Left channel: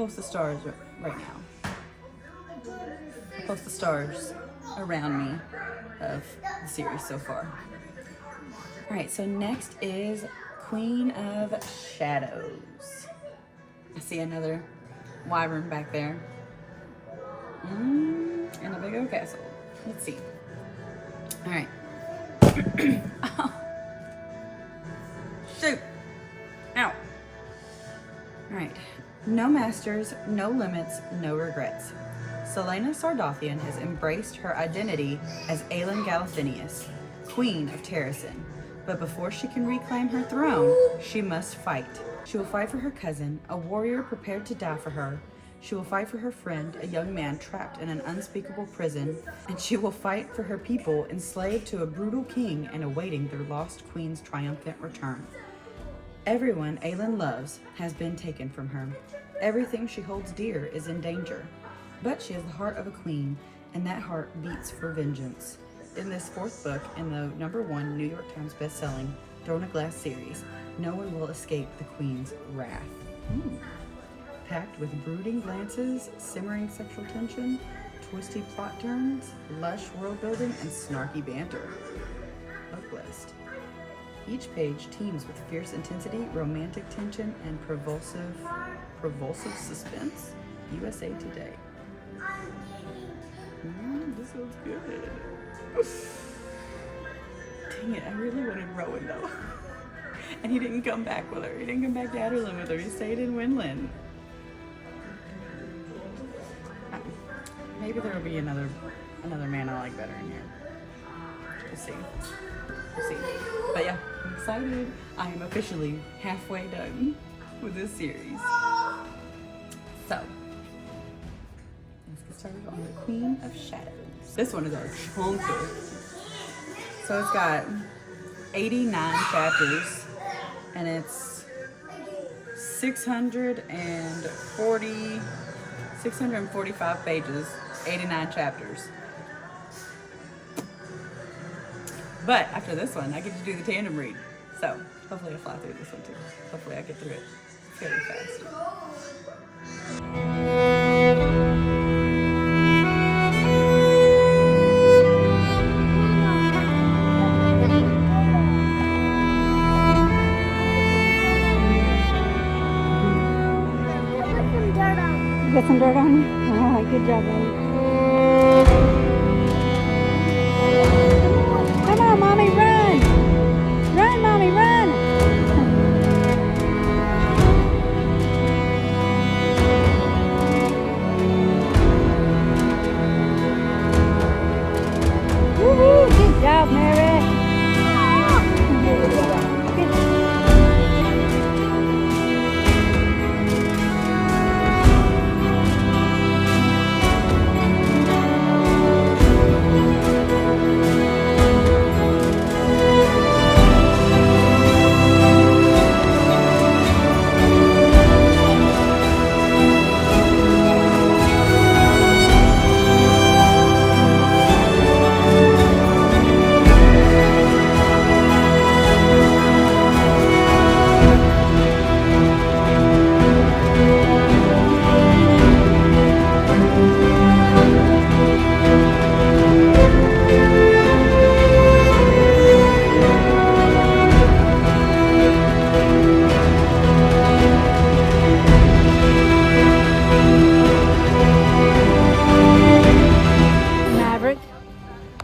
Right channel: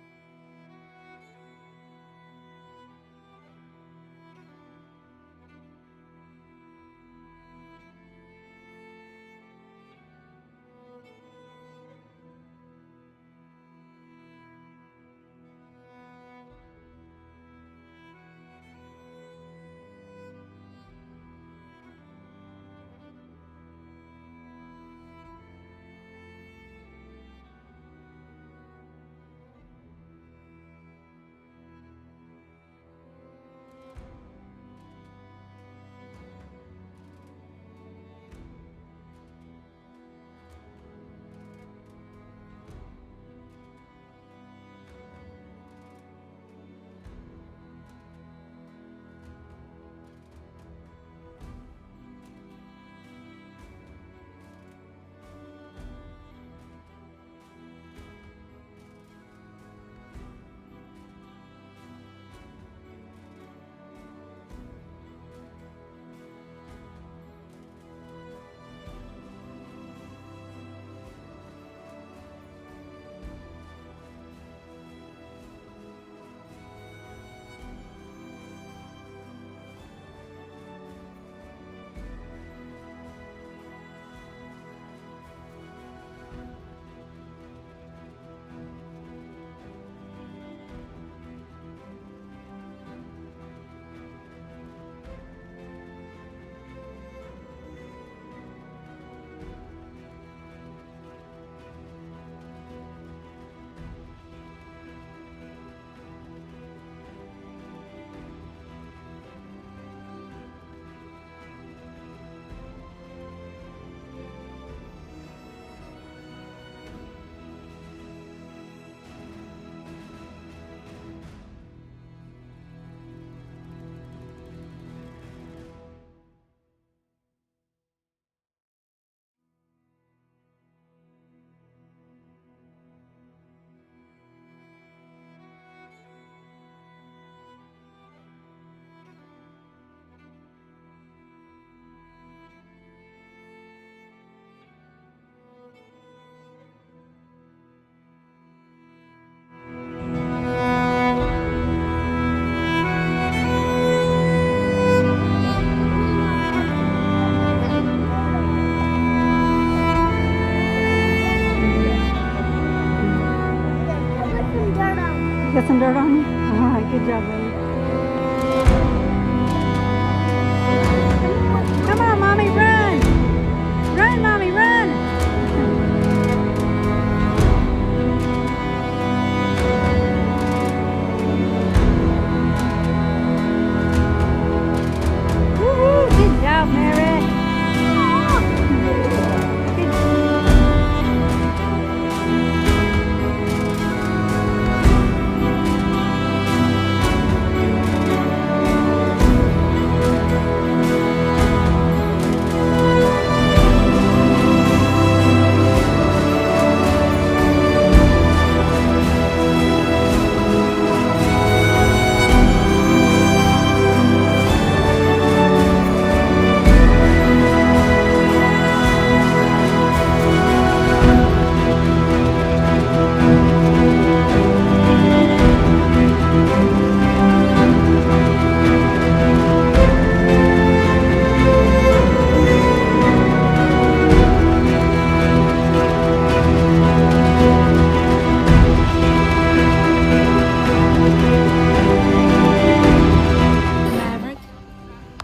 post the stars right now. I'll post the stars around me of the series so far. All right, so next is Queen of Shadows. I see another wyvern back there. And a big old castle. Let's see. All right. Oh. Shoot. Ow. All right. No masters, no limits, no regrets. Selena Sardothian has embraced her identity as Aelin Galathinius, Queen of Terrasen. But before she can reclaim her throne, she must fight. She will fight for her cousin, a warrior prepared to die for her. She will fight for her friend, a young man trapped in an unspeakable prison. And she will fight for her people, enslaved to a brutal king and awaiting their lost queen's triumphant return. Everyone Aelin loves has been taken from her. Everything she holds dear is in danger. But she has the heart of a queen, and that heart beats for vengeance. In this fourth book in the #1 New York Times bestselling Throne of Glass series, no one will escape the queen's wrath. Packed with brooding glances, simmering sexual tension, twisty plot turns, lush world building, and snarky banter. Blessed. Each page teems with fierce intensity, romantic tension, and propulsive suspense. USA Today. This looks good. Dang it, I really wanted Rowan though. And he didn't come back with her. He didn't come back to Adderlyn with her. He stayed in Winland. Maybe there will be another man I like better in here. We'll see. We'll see. But yeah, I'm excited. I am officially halfway done with this series. So, let's get started on the Queen of Shadows. This one is a chunker. So it's got 89 chapters, and it's 645 pages, 89 chapters. But after this one, I get to do the tandem read. So hopefully I'll fly through this one too. Hopefully I get through it fairly fast. Got some dirt on you? All right, good job, buddy. Come on, Mommy, run! Run, Mommy, run! Woo-hoo! Good job, Mary!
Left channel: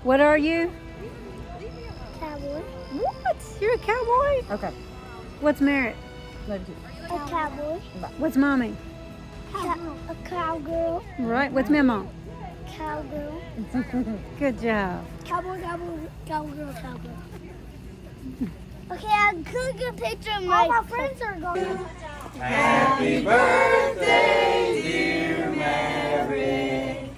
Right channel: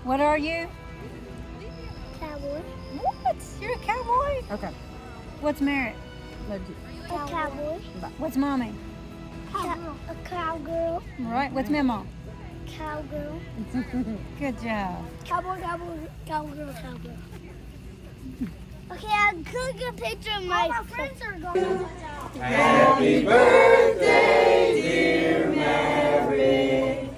What are you? Cowboy. What? You're a cowboy? Okay. What's Merritt? A cowboy. What's Mommy? A cowgirl. Right. What's Memo? Cowgirl. Good job. Cowboy, cowgirl, cowgirl. Okay, I'm gonna get a picture of my friends are going. Happy birthday, dear Maverick.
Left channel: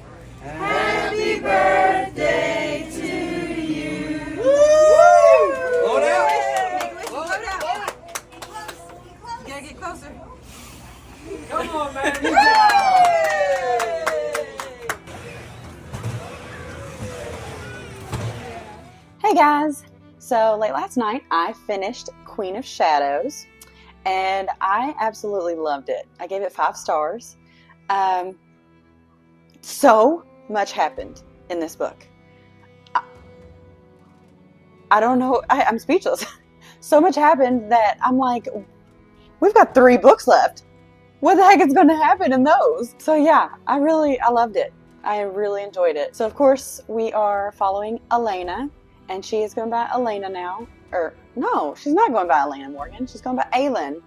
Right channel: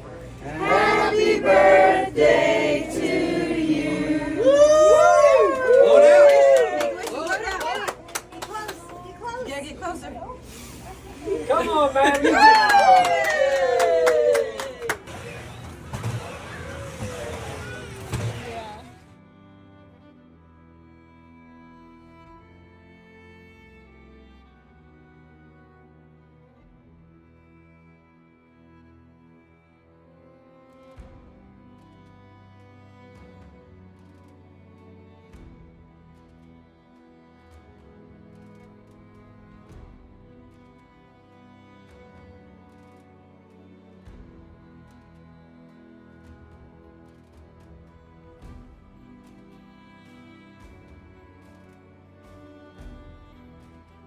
Happy birthday to you. Slow down. Slow down. Yeah, get closer. Come on, man. Hey guys. So late last night, I finished Queen of Shadows, and I absolutely loved it. I gave it 5 stars. So much happened in this book. I don't know. I'm speechless. So much happened that I'm like, we've got 3 books left. What the heck is going to happen in those? So yeah, I loved it. I really enjoyed it. So of course we are following Elena, and she is going by Elena now. Or no, she's not going by Elena Morgan. She's going by Aelin.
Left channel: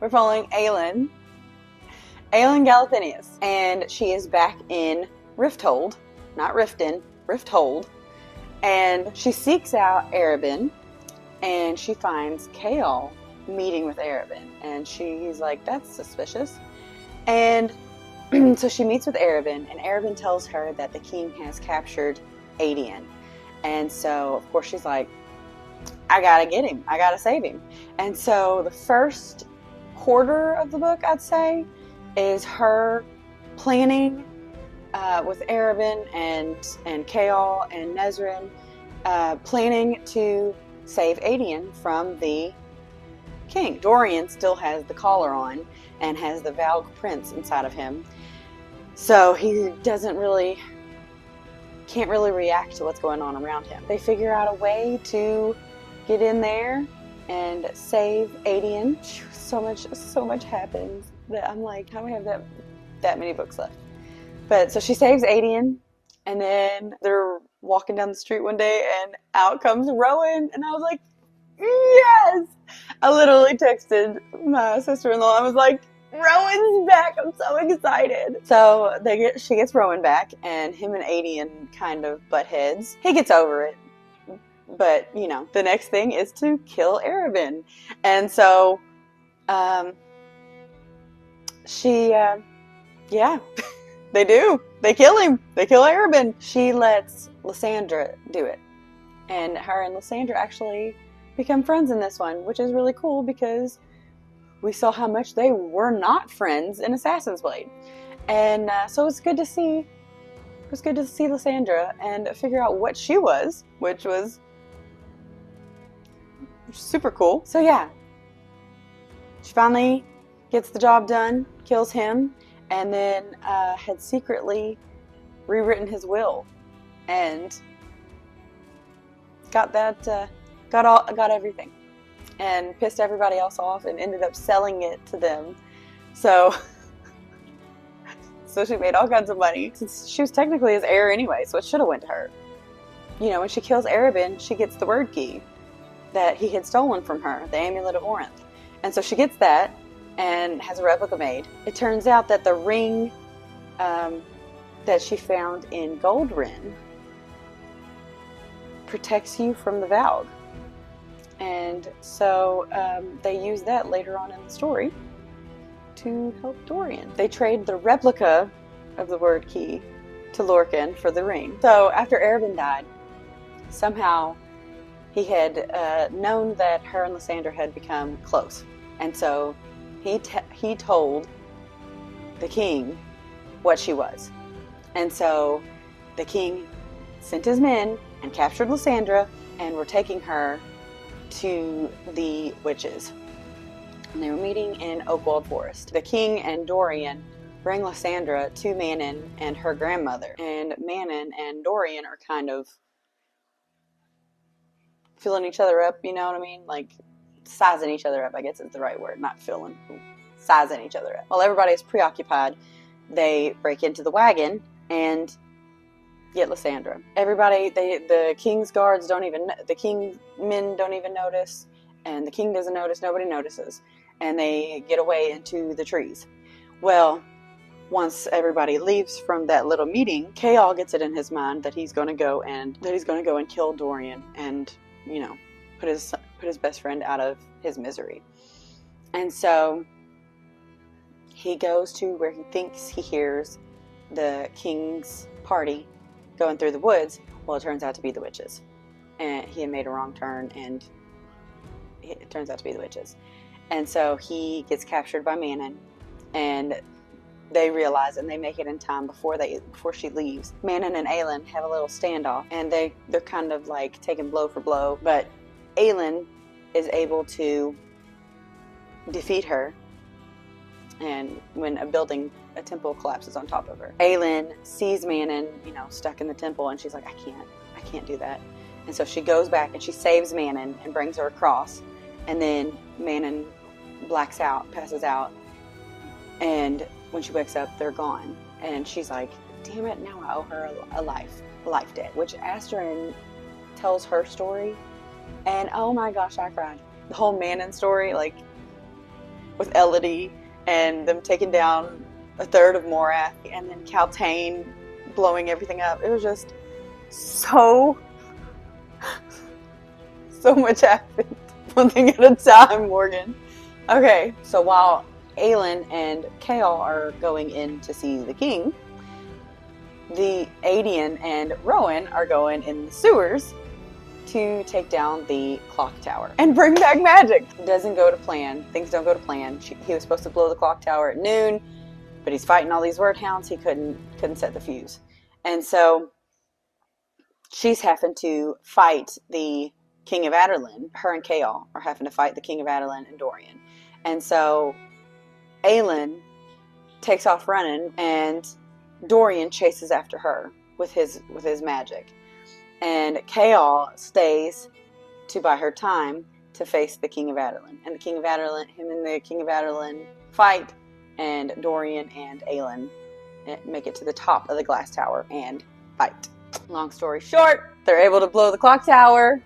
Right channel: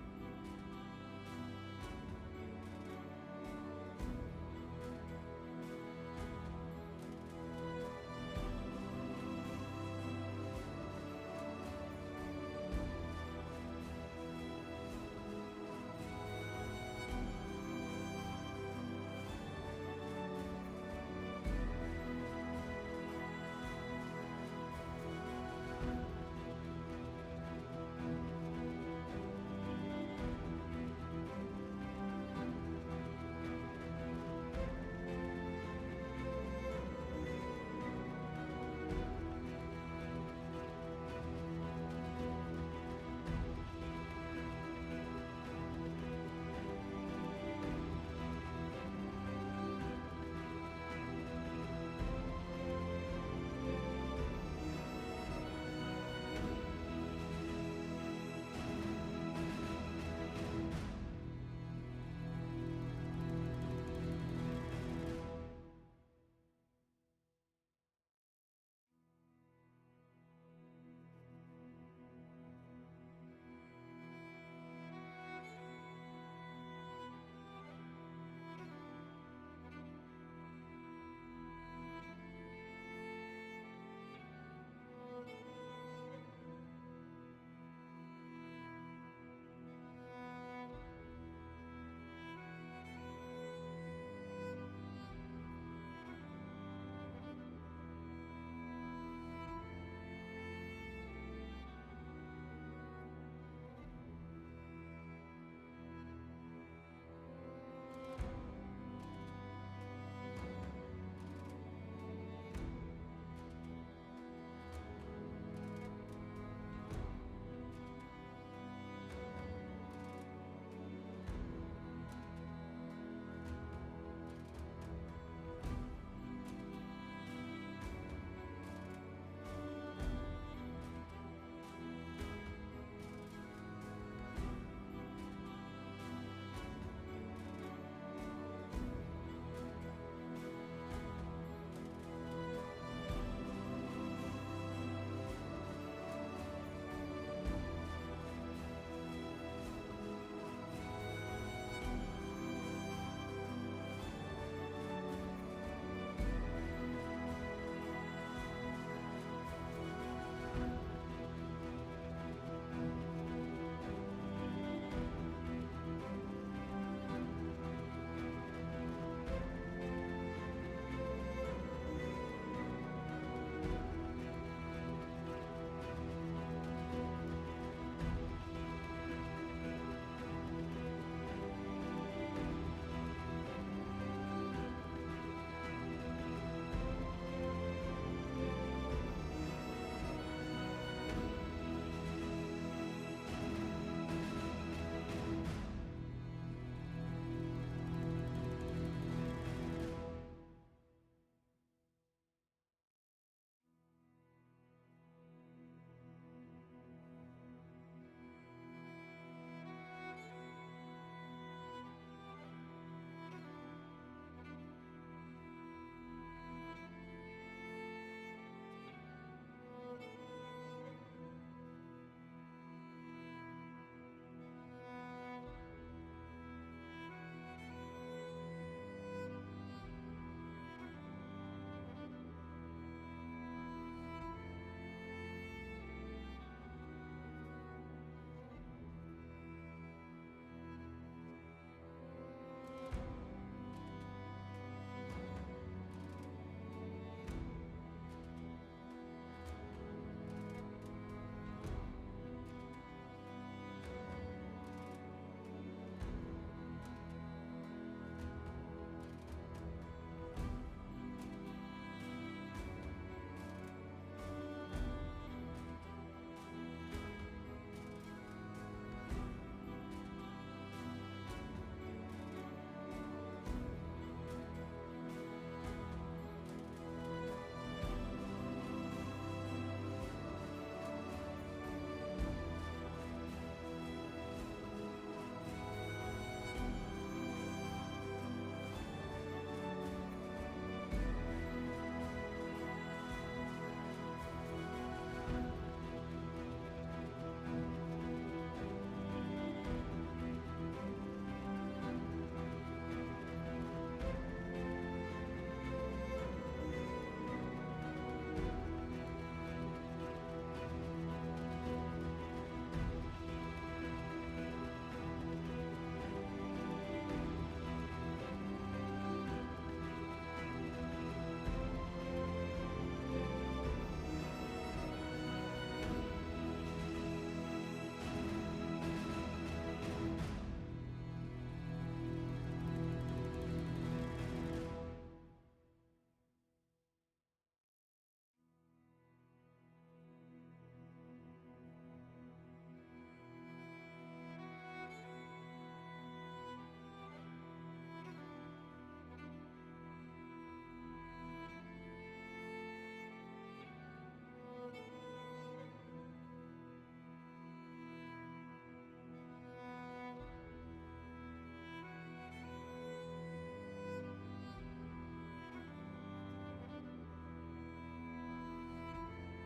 We're following Aelin Galathinius, and she is back in Rifthold, not Riften, Rifthold, and she seeks out Arabin, and she finds KoA meeting with Arabin, and he's like, that's suspicious. And so she meets with Arabin, and Arabin tells her that the king has captured Adian. And so, of course, she's like, I gotta get him. I gotta save him. And so the first quarter of the book, I'd say, is her planning with Arabin and KoA and Nezrin, planning to save Adian from the king. Dorian still has the collar on and has the Valg prince inside of him, so he can't really react to what's going on around him. They figure out a way to get in there and save Adian. So much happens that I'm like, how do we have that many books left? But so she saves Adian, and then they're walking down the street one day, and out comes Rowan, and I was like, yes! I literally texted my sister-in-law. I was like, Rowan's back! I'm so excited. So she gets Rowan back, and him and Adian kind of butt heads. He gets over it, but you know, the next thing is to kill Arabin, and so yeah. They do. They kill him. They kill Arabin. She lets Lysandra do it. And her and Lysandra actually become friends in this one, which is really cool because we saw how much they were not friends in Assassin's Blade. And so it's good to see. It was good to see Lysandra and figure out what she was, which was super cool. So yeah, she finally gets the job done, kills him, and then had secretly rewritten his will and got everything and pissed everybody else off and ended up selling it to them. So she made all kinds of money since she was technically his heir anyway, so it should have went to her. You know, when she kills Arabin, she gets the word key that he had stolen from her, the Amulet of Orinth. And so she gets that and has a replica made. It turns out that the ring that she found in Goldrin protects you from the Valg. And so they use that later on in the story to help Dorian. They trade the replica of the word key to Lorcan for the ring. So after Arabin died, somehow he had known that her and Lysandra had become close. And so he told the king what she was. And so the king sent his men and captured Lysandra and were taking her to the witches. And they were meeting in Oakwald Forest. The king and Dorian bring Lysandra to Manon and her grandmother. And Manon and Dorian are kind of filling each other up, you know what I mean? Like, sizing each other up, I guess is the right word, not filling, sizing each other up. While everybody is preoccupied, they break into the wagon and get Lysandra. Everybody, the king's guards don't even, the king's men don't even notice, and the king doesn't notice, nobody notices, and they get away into the trees. Well, once everybody leaves from that little meeting, KoA gets it in his mind that he's going to go and kill Dorian and, you know, put his best friend out of his misery. And so he goes to where he thinks he hears the king's party going through the woods. Well, it turns out to be the witches. And he had made a wrong turn, and it turns out to be the witches. And so he gets captured by Manon, and they realize, and they make it in time before she leaves. Manon and Aelin have a little standoff, and they're kind of like taking blow for blow, but Aelin is able to defeat her and when a temple collapses on top of her. Aelin sees Manon, stuck in the temple, and she's like, I can't do that. And so she goes back and she saves Manon and brings her across. And then Manon blacks out, passes out. And when she wakes up, they're gone. And she's like, damn it, now I owe her a life debt. Which Astrid tells her story. And oh my gosh, I cried. The whole Manon story, like with Elodie and them taking down a third of Morath and then Caltaine blowing everything up. It was just so much happened. One thing at a time, Morgan. Okay, so while Aelin and KoA are going in to see the king, the Adian and Rowan are going in the sewers to take down the clock tower and bring back magic. Doesn't go to plan. Things don't go to plan. He was supposed to blow the clock tower at noon, but he's fighting all these word hounds. He couldn't set the fuse. And so she's having to fight the King of Adarlan. Her and KoA are having to fight the King of Adarlan and Dorian. And so Aelin takes off running, and Dorian chases after her with his magic. And KoA stays to buy her time to face the King of Adarlan. And the King of Adarlan, him and the King of Adarlan fight, and Dorian and Aelin make it to the top of the glass tower and fight. Long story short, they're able to blow the clock tower.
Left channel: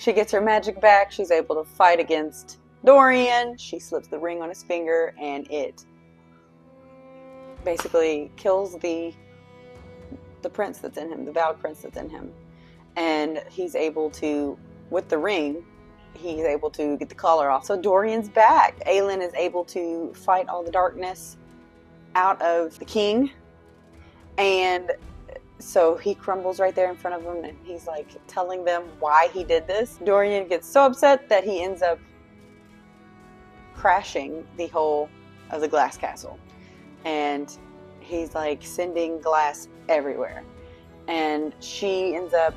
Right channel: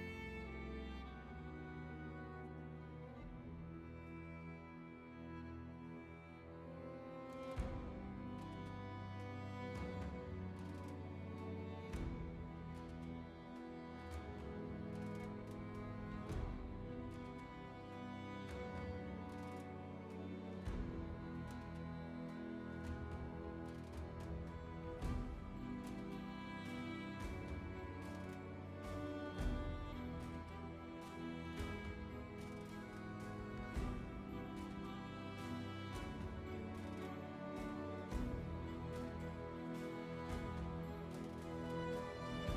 She gets her magic back. She's able to fight against Dorian. She slips the ring on his finger, and it basically kills the prince that's in him, the vowed prince that's in him. And he's able to, with the ring, he's able to get the collar off. So Dorian's back. Aelin is able to fight all the darkness out of the king. And so he crumbles right there in front of them, and he's like telling them why he did this. Dorian gets so upset that he ends up crashing the whole of the glass castle. And he's like sending glass everywhere. And she ends up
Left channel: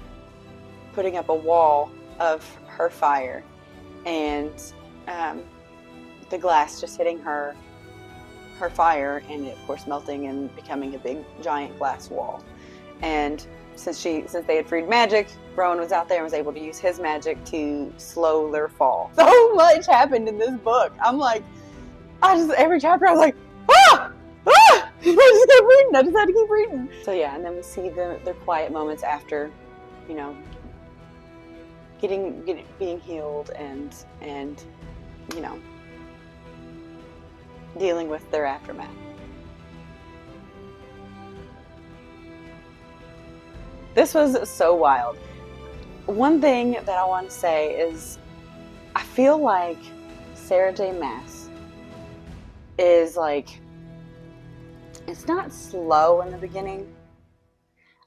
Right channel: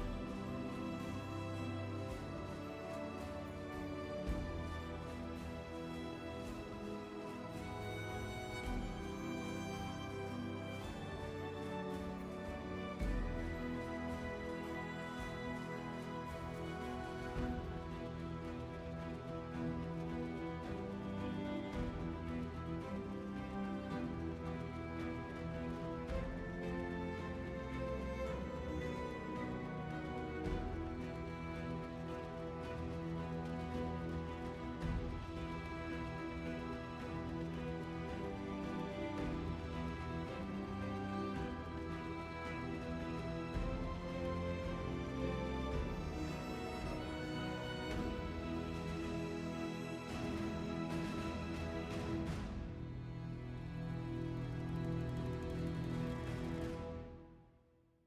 putting up a wall of her fire, and the glass just hitting her fire, and it, of course, melting and becoming a big giant glass wall. And since they had freed magic, Rowan was out there and was able to use his magic to slow their fall. So much happened in this book. I'm like, every chapter I was like, ah! I just kept reading. I just had to keep reading. So yeah, and then we see their quiet moments after, being healed and dealing with their aftermath. This was so wild. One thing that I want to say is I feel like Sarah J. Maas is like, it's not slow in the beginning.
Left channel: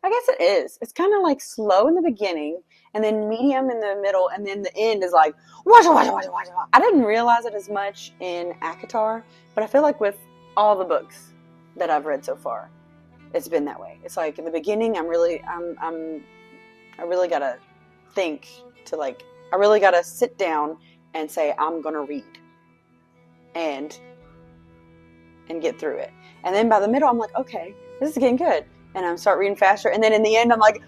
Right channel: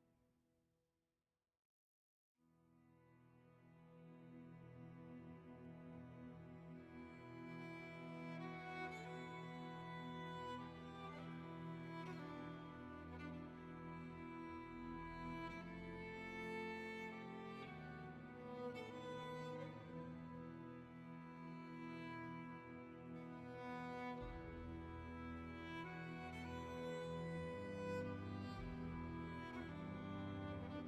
I guess it is. It's kind of like slow in the beginning, and then medium in the middle, and then the end is like, washa, washa, washa, washa. I didn't realize it as much in ACOTAR, but I feel like with all the books that I've read so far, it's been that way. It's like in the beginning, I really gotta think to like, I really gotta sit down and say, I'm gonna read and get through it. And then by the middle, I'm like, okay, this is getting good. And I start reading faster. And then in the end, I'm like,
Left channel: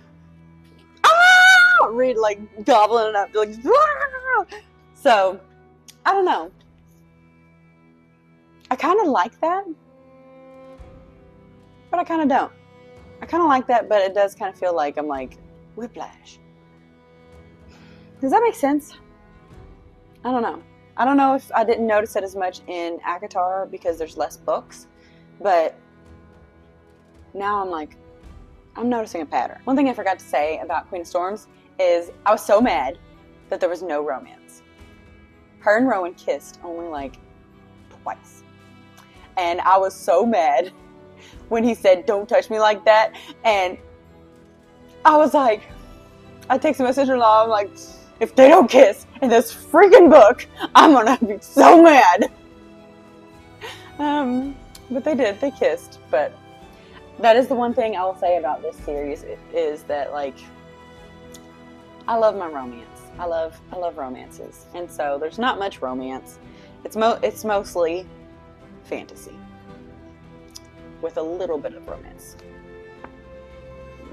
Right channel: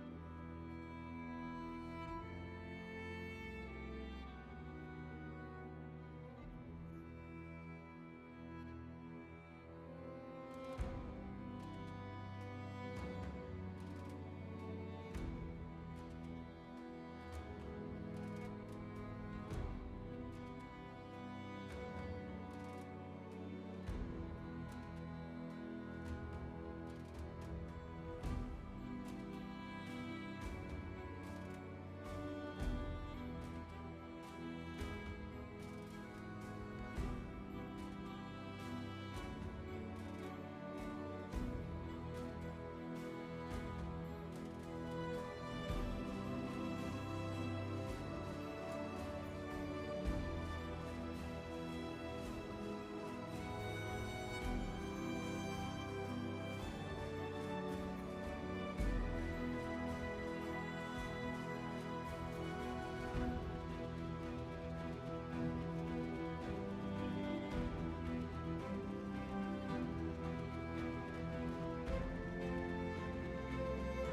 ah! Read like gobbling it up. Like, ah! So, I don't know. I kind of like that. But I kind of don't. I kind of like that, but it does kind of feel like I'm like, whiplash. Does that make sense? I don't know. I don't know if I didn't notice it as much in ACOTAR because there's less books. But now I'm like, I'm noticing a pattern. One thing I forgot to say about Queen of Storms is I was so mad that there was no romance. Her and Rowan kissed only like twice. And I was so mad when he said, don't touch me like that. And I was like, I texted my sister-in-law, I'm like, if they don't kiss in this freaking book, I'm gonna be so mad. But they did, they kissed. But that is the one thing I will say about this series is that, like, I love my romance. I love romances. And so there's not much romance. It's mostly fantasy with a little bit of romance.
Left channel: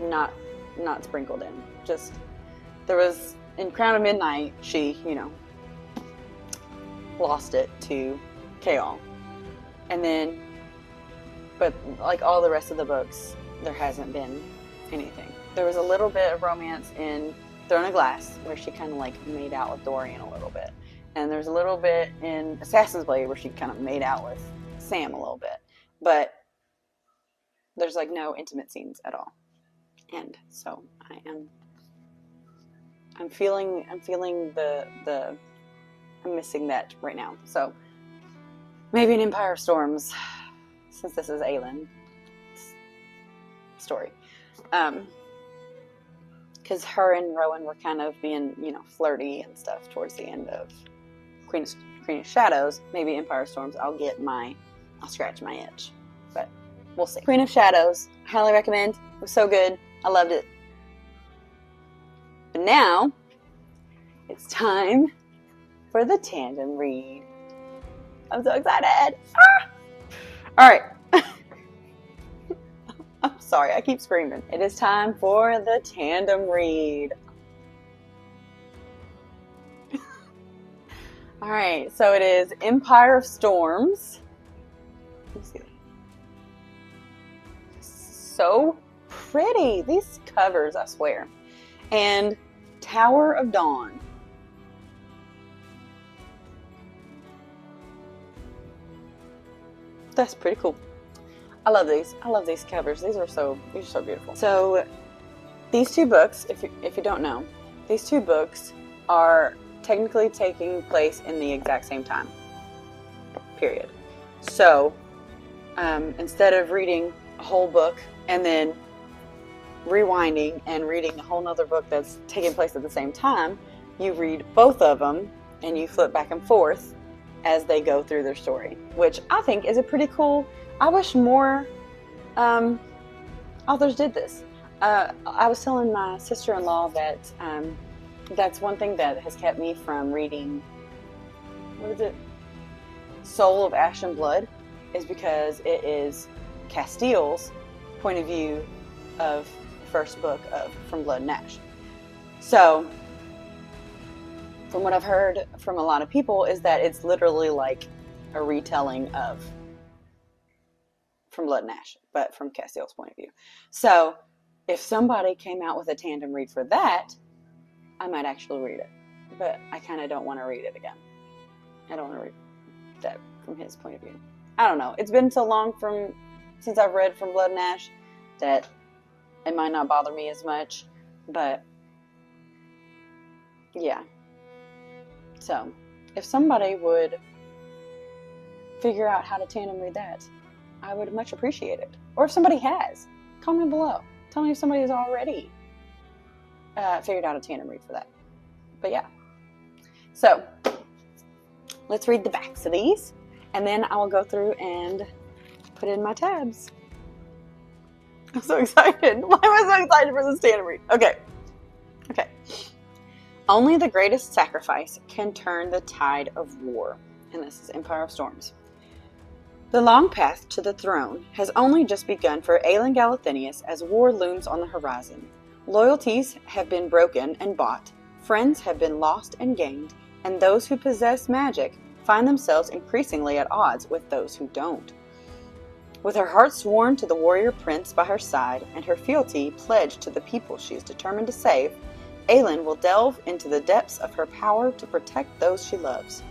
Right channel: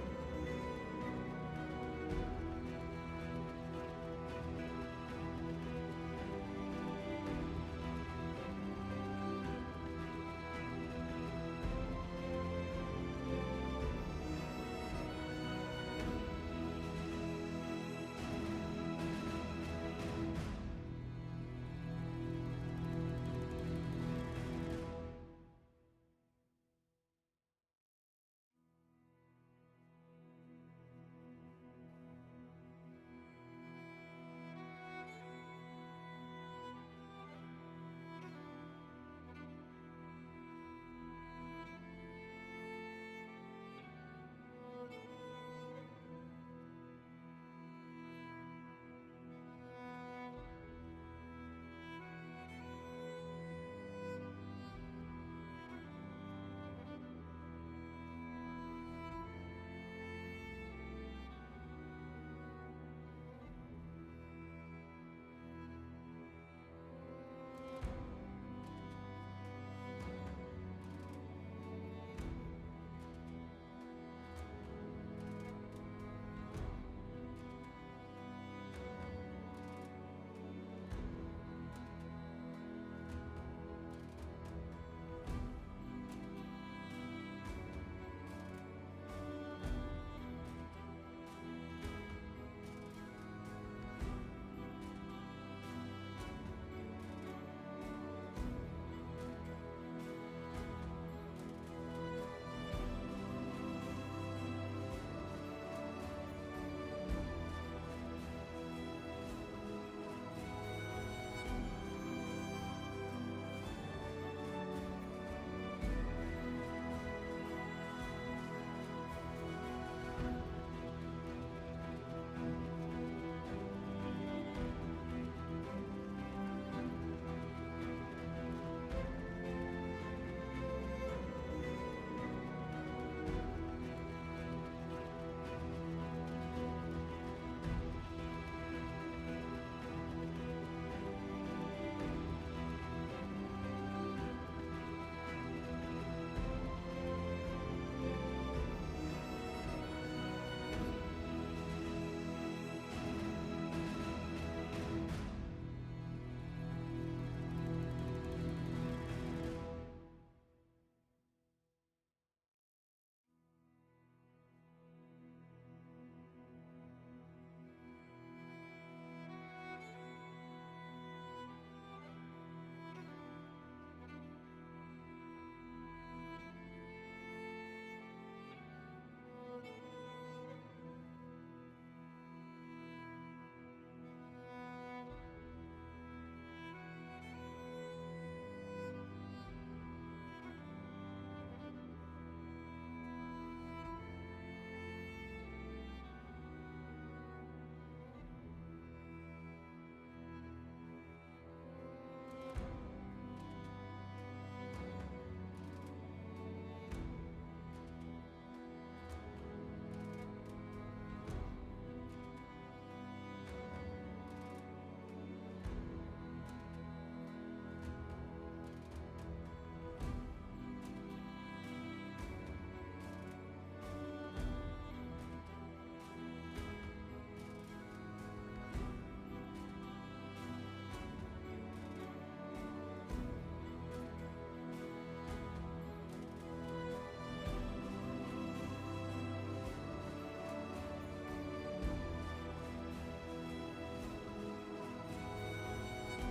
Not sprinkled in. Just, there was, in Crown of Midnight, she, lost it to KoA. And then, but like all the rest of the books, there hasn't been anything. There was a little bit of romance in Throne of Glass, where she kind of like made out with Dorian a little bit. And there's a little bit in Assassin's Blade where she kind of made out with Sam a little bit. But there's like no intimate scenes at all. And so I'm feeling I'm missing that right now. So maybe an Empire of Storms, since this is Aelin's story. Because her and Rowan were kind of being, flirty and stuff towards the end of Queen of Shadows. Maybe Empire of Storms, I'll scratch my itch. But we'll see. Queen of Shadows, highly recommend. It was so good. I loved it. But now, it's time for the tandem read. I'm so excited. Ah! All right. I'm sorry, I keep screaming. It is time for the tandem read. All right, so it is Empire of Storms. Let's see. So pretty. These covers, I swear. And Tower of Dawn. That's pretty cool. I love these. I love these covers. These are so beautiful. So these two books, if you don't know, these two books are technically taking place in the exact same time. Period. So instead of reading a whole book and then rewinding and reading a whole nother book that's taking place at the same time, you read both of them and you flip back and forth as they go through their story, which I think is a pretty cool. I wish more authors did this. I was telling my sister-in-law that that's one thing that has kept me from reading, what is it, Soul of Ash and Blood, is because it is Castiel's point of view of the first book of From Blood and Ash. So, from what I've heard from a lot of people, is that it's literally like a retelling of From Blood and Ash, but from Castiel's point of view. So, if somebody came out with a tandem read for that, I might actually read it. But I kind of don't want to read it again. I don't want to read that from his point of view. I don't know. It's been so long since I've read From Blood and Ash that it might not bother me as much. But, yeah. So, if somebody would figure out how to tandem read that, I would much appreciate it. Or if somebody has, comment below. Tell me if somebody has already figured out a tandem read for that. But yeah. So, let's read the backs of these. And then I will go through and put in my tabs. I'm so excited. Why am I so excited for this tandem read? Okay. Okay. Only the greatest sacrifice can turn the tide of war. And this is Empire of Storms. The long path to the throne has only just begun for Aelin Galathynius as war looms on the horizon. Loyalties have been broken and bought, friends have been lost and gained, and those who possess magic find themselves increasingly at odds with those who don't. With her heart sworn to the warrior prince by her side and her fealty pledged to the people she is determined to save, Aelin will delve into the depths of her power to protect those she loves.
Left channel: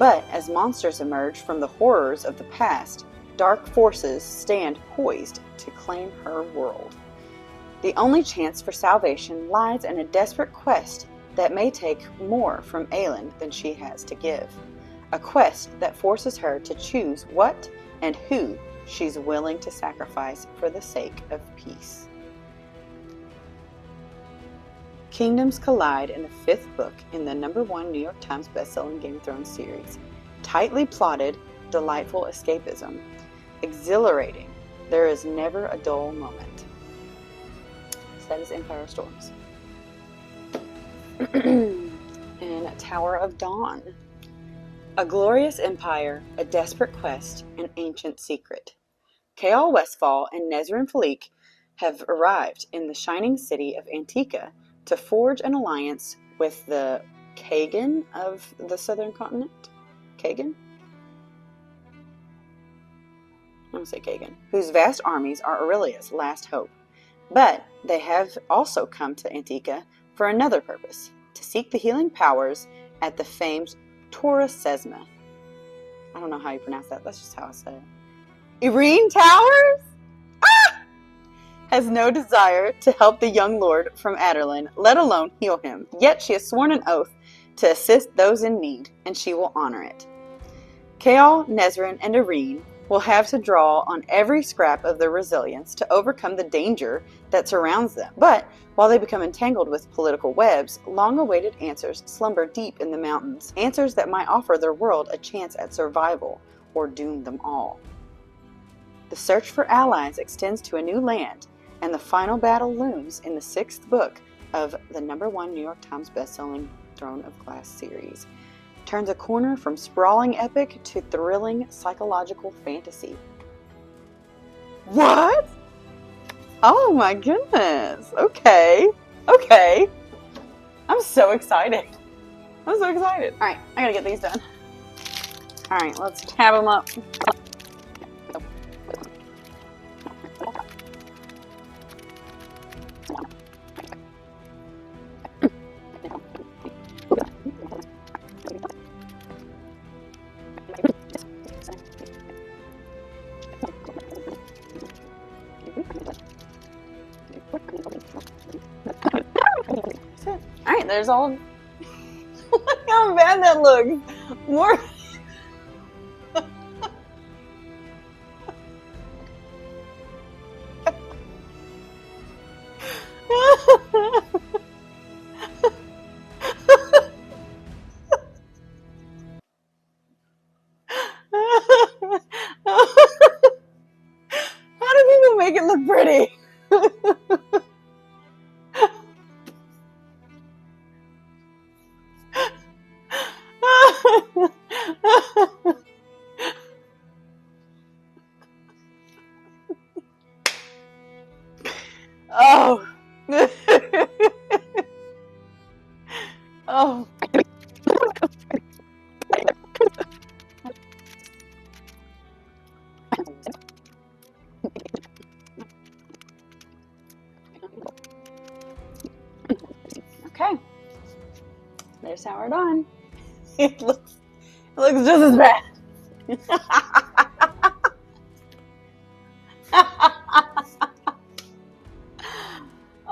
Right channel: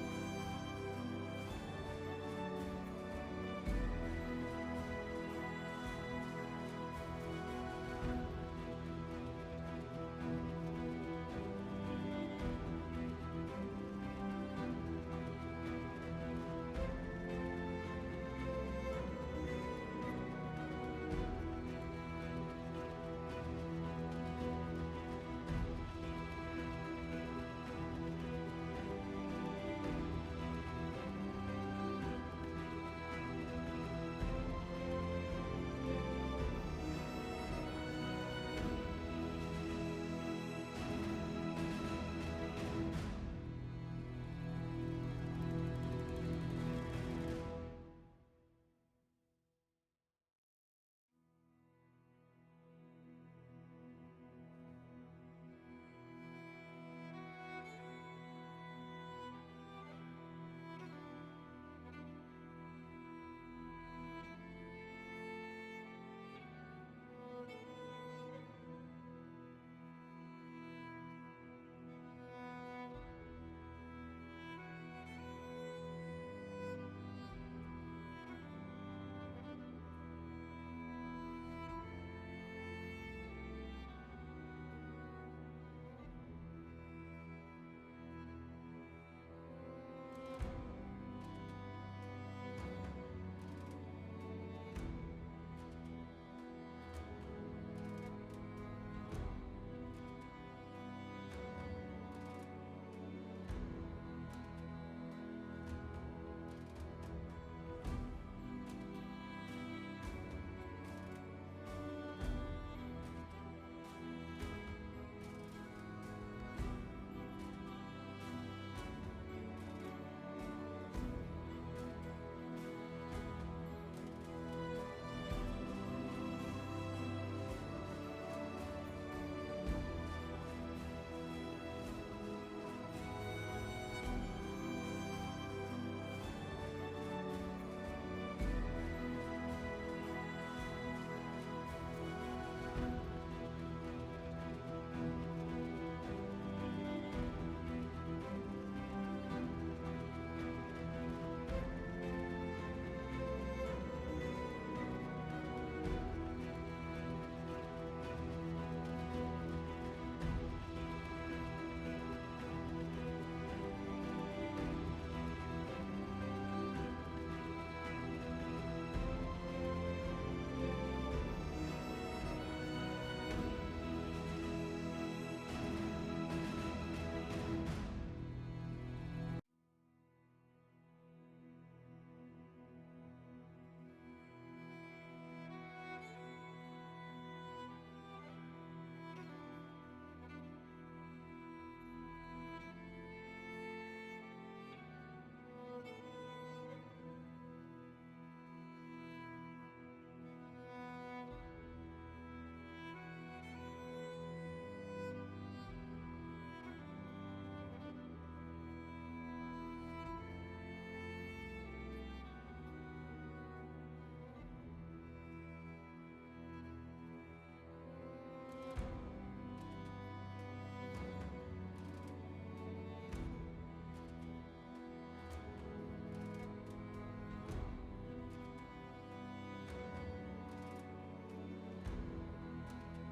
But as monsters emerge from the horrors of the past, dark forces stand poised to claim her world. The only chance for salvation lies in a desperate quest that may take more from Aelin than she has to give. A quest that forces her to choose what and who she's willing to sacrifice for the sake of peace. Kingdoms collide in the fifth book in the #1 New York Times bestselling Game of Thrones series. Tightly plotted, delightful escapism. Exhilarating, there is never a dull moment. So that is Empire of Storms. And Tower of Dawn. A glorious empire, a desperate quest, an ancient secret. KoA Westfall and Nezrin Falik have arrived in the shining city of Antica to forge an alliance with the Kagan of the southern continent. Kagan? I'm going to say Kagan. Whose vast armies are Aurelia's last hope. But they have also come to Antica for another purpose, to seek the healing powers at the famed ToD SPOILERS. I don't know how you pronounce that. That's just how I say it. Irene Towers has no desire to help the young lord from Aderlin, let alone heal him. Yet she has sworn an oath to assist those in need, and she will honor it. KoA, Nezrin, and Irene will have to draw on every scrap of their resilience to overcome the danger that surrounds them. But while they become entangled with political webs, long-awaited answers slumber deep in the mountains. Answers that might offer their world a chance at survival or doom them all. The search for allies extends to a new land, and the final battle looms in the 6th book of the #1 New York Times bestselling Throne of Glass series. Turns a corner from sprawling epic to thrilling psychological fantasy. What? Oh my goodness. Okay. I'm so excited. All right, I gotta get these done. All right, let's tab them up. Alright, there's all of... Look how bad that looks! More... How do people make it look pretty? Oh. Oh. Okay. There's how we're done. It looks just as bad.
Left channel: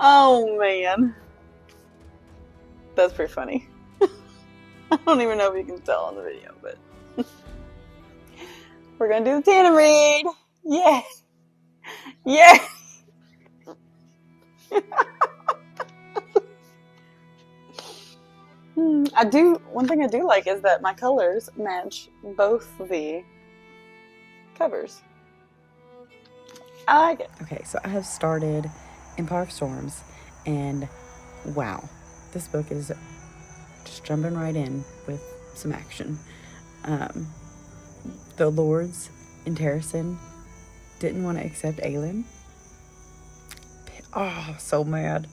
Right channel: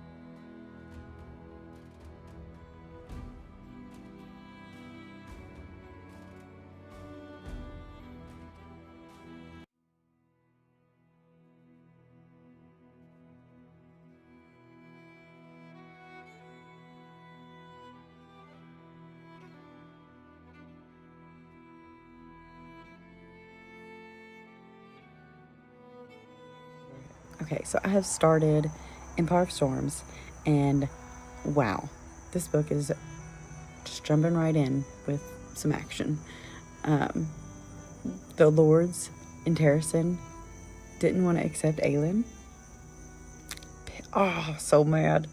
Oh man. That's pretty funny. I don't even know if you can tell on the video, but we're gonna do the tandem read. Yeah. Yeah. One thing I do like is that my colors match both the covers. I like it. Okay, so I have started Empire of Storms, and wow, this book is just jumping right in with some action. The lords in Terrasen didn't want to accept Aelin. Oh, so mad.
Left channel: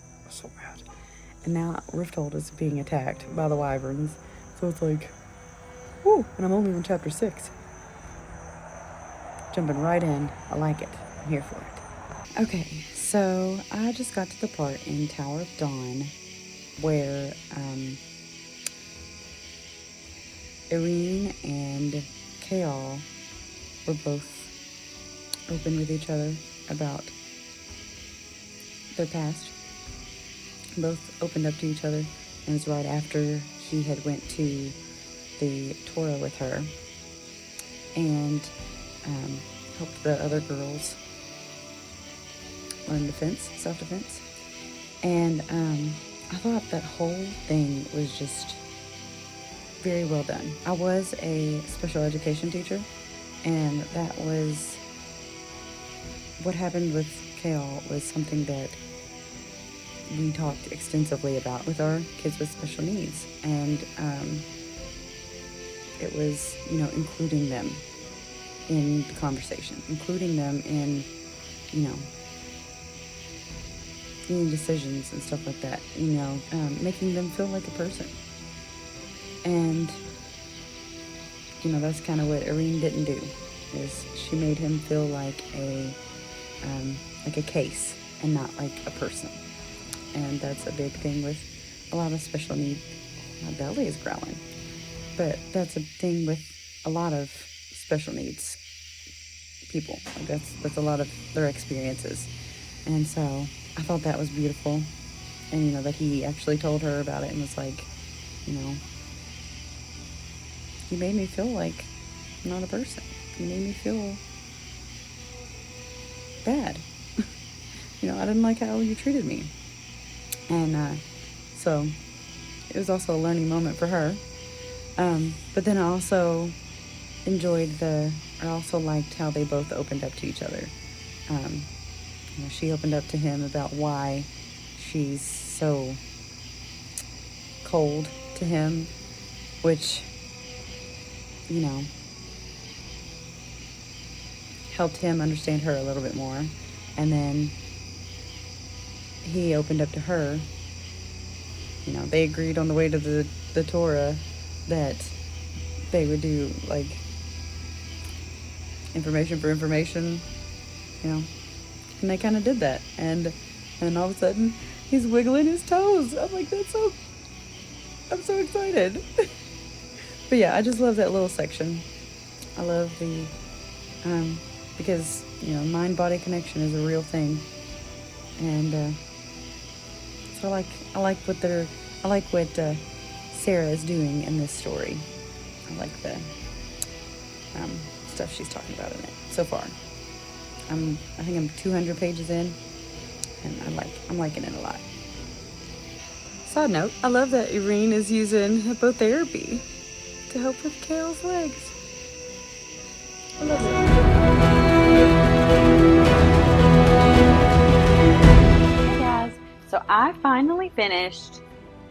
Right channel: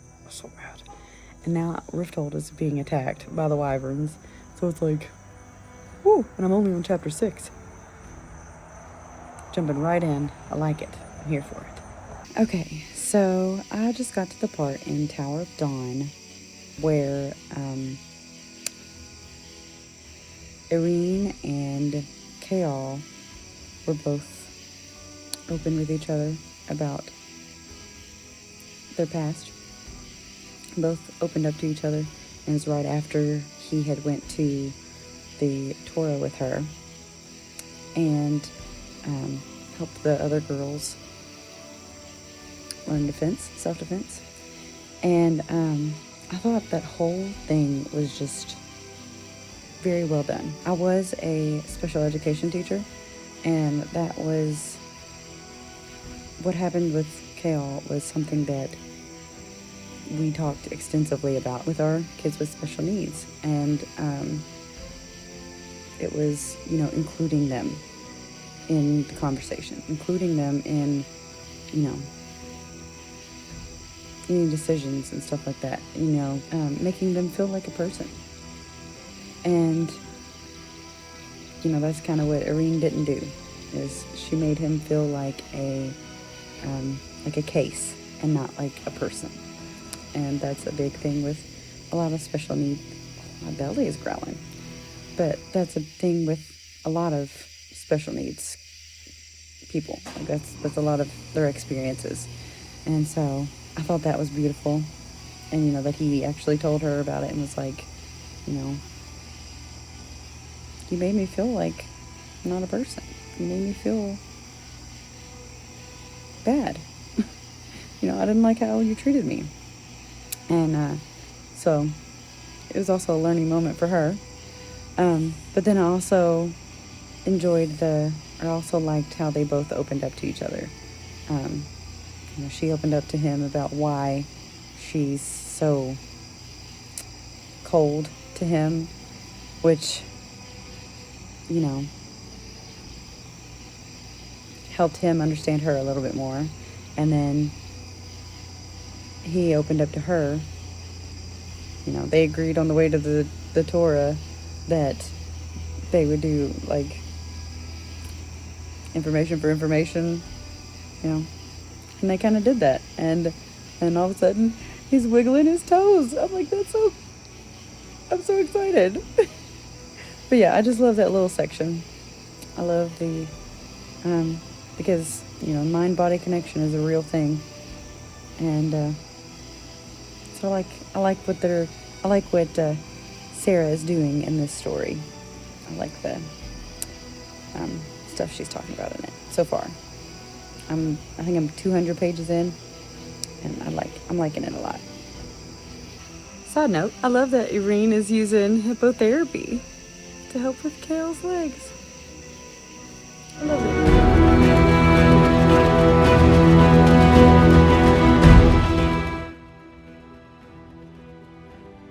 And now Rifthold is being attacked by the wyverns. So it's like, whoo, and I'm only on chapter 6. Jumping right in. I like it. I'm here for it. Okay, so I just got to the part in Tower of Dawn where Irene and KoA were both open with each other about their past. Both opened up to each other, and it was right after he had went to the Torah with her and helped the other girls learn self-defense. And I thought that whole thing was just very well done. I was a special education teacher, and that was what happened with KoA was something that we talked extensively about with our kids with special needs. And it was, including them in the conversation, including them in, any decisions and stuff like that, making them feel like a person. And, that's kind of what Irene didn't do, is she made him feel like a case and not like a person. And that's a big thing with a lot of special needs. My belly is growling. But that's a thing with a lot of special needs people. Like that's a lot of their experiences. And so I thought that was beautiful. And, that he actually told her about it and was like, you made me feel like I'm not a person. You made me feel bad. I didn't like how you treated me. And so it was also a learning moment for her. But then I also liked how they both opened up to each other. She opened up to him about why she's so cold to him, which, helped him understand her a little bit more. And then he opened up to her. They agreed on the way to the Torah that they would do, like, information for information, and they kind of did that. And all of a sudden, he's wiggling his toes. I'm like, I'm so excited. But yeah, I just love that little section. I love the, because, mind-body connection is a real thing. And, so I like what Sarah is doing in this story. I like the stuff she's talking about in it so far. I think I'm 200 pages in, and I'm liking it a lot. Side note, I love that Irene is using hippotherapy to help with Kale's legs. I love it. So I finally finished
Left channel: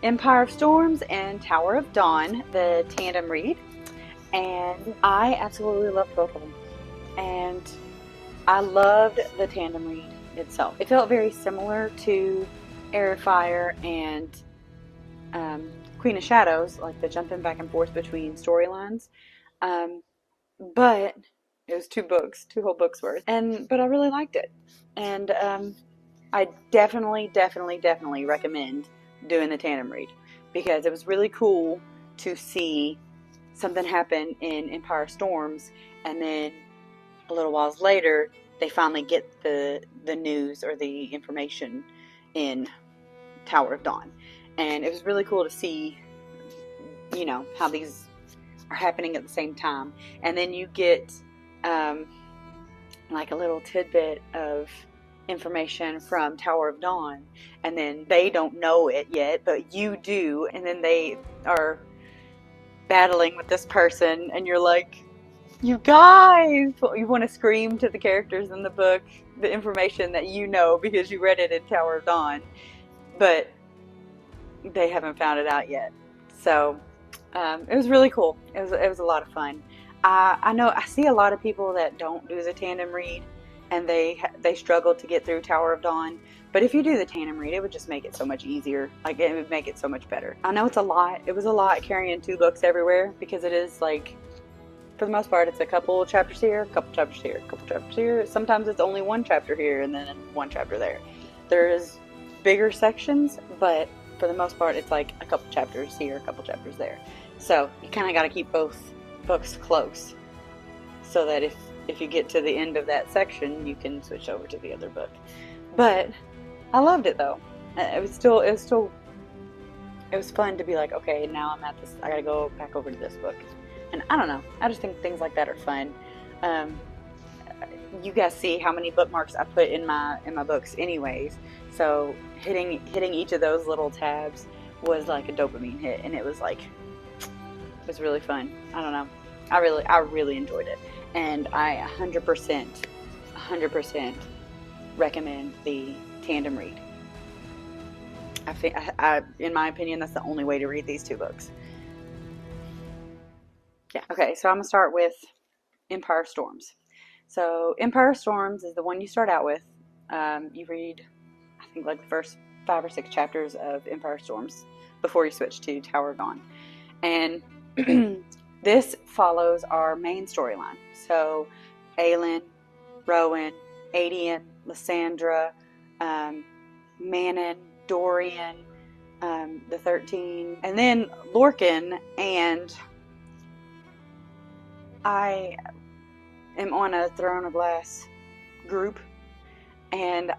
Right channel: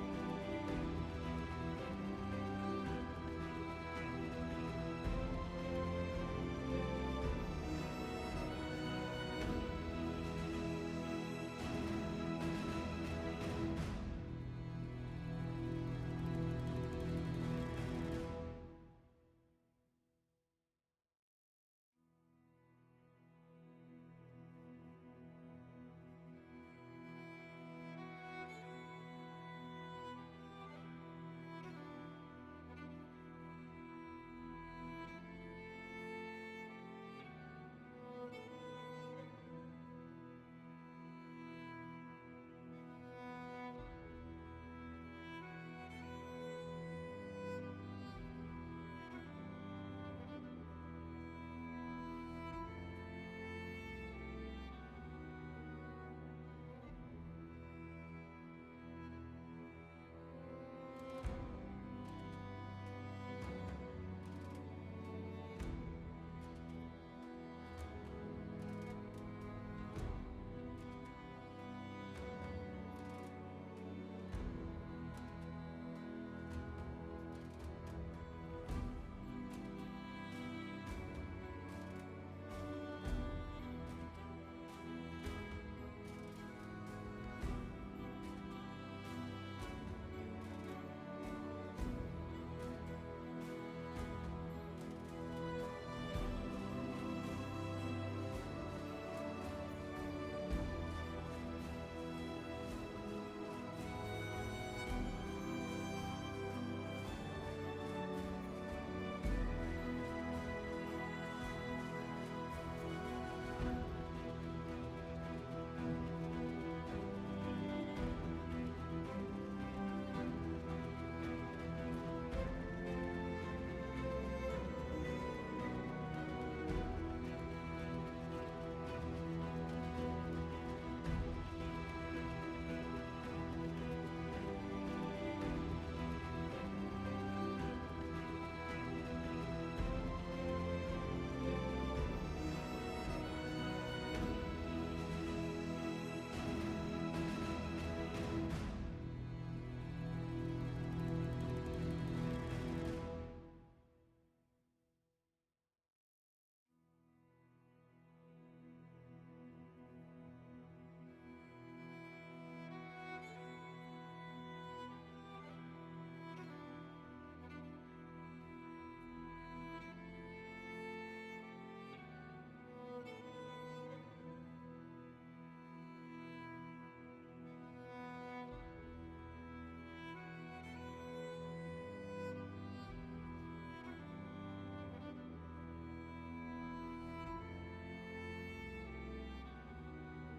Empire of Storms and Tower of Dawn, the tandem read, and I absolutely loved both of them. And I loved the tandem read itself. It felt very similar to Air of Fire and Queen of Shadows, like the jumping back and forth between storylines. But it was two whole books worth. But I really liked it. And I definitely recommend doing the tandem read, because it was really cool to see something happen in Empire Storms, and then a little while later they finally get the news or the information in Tower of Dawn. And it was really cool to see, how these are happening at the same time. And then you get like a little tidbit of information from Tower of Dawn, and then they don't know it yet, but you do, and then they are battling with this person, and you're like, you guys, you want to scream to the characters in the book the information that you know because you read it in Tower of Dawn, but they haven't found it out yet. So it was really cool. It was a lot of fun. I know I see a lot of people that don't do the tandem read, and they struggle to get through Tower of Dawn. But if you do the tandem read, it would just make it so much easier. Like, it would make it so much better. I know it's a lot. It was a lot carrying 2 books everywhere, because it is, like, for the most part, it's a couple chapters here, a couple chapters here, a couple chapters here. Sometimes it's only 1 chapter here and then 1 chapter there. There's bigger sections, but for the most part, it's like a couple chapters here, a couple chapters there. So you kind of got to keep both books close, so that if you get to the end of that section, you can switch over to the other book. But I loved it though. It was fun to be like, okay, now I'm at this, I gotta go back over to this book. And I don't know, I just think things like that are fun. You guys see how many bookmarks I put in my books anyways, so hitting each of those little tabs was like a dopamine hit, and it was really fun. I don't know, I really enjoyed it, and I 100% recommend the tandem read. I think, in my opinion, that's the only way to read these 2 books. Yeah. Okay, so I'm gonna start with Empire Storms. So Empire Storms is the one you start out with. You read, I think, like the first 5 or 6 chapters of Empire Storms before you switch to Tower of Dawn. And this follows our main storyline. So Aelin, Rowan, Adian, Lysandra, Manon, Dorian, the 13, and then Lorcan, and I am on a Throne of Glass group and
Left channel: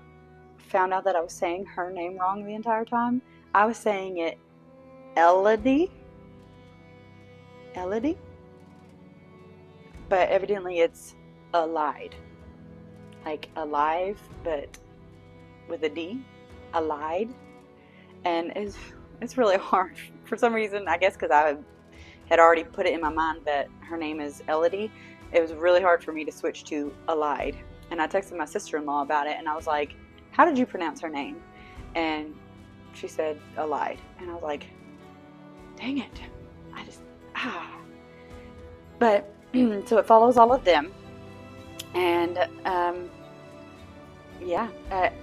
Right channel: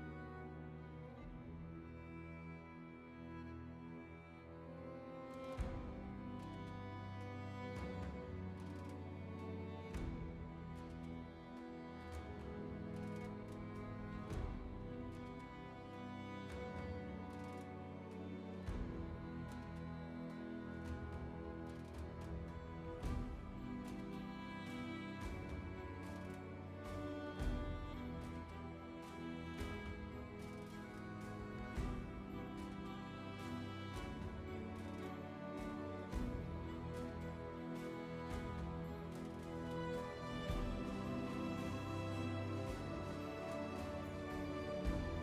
found out that I was saying her name wrong the entire time. I was saying it Elodie, but evidently it's Allied, like alive, but with a D, Allied, and it's really hard for some reason. I guess because I had already put it in my mind that her name is Elodie. It was really hard for me to switch to Allied, and I texted my sister-in-law about it, and I was like, "How did you pronounce her name?" And she said Allied, and I was like, "Dang it, I just But so it follows all of them, and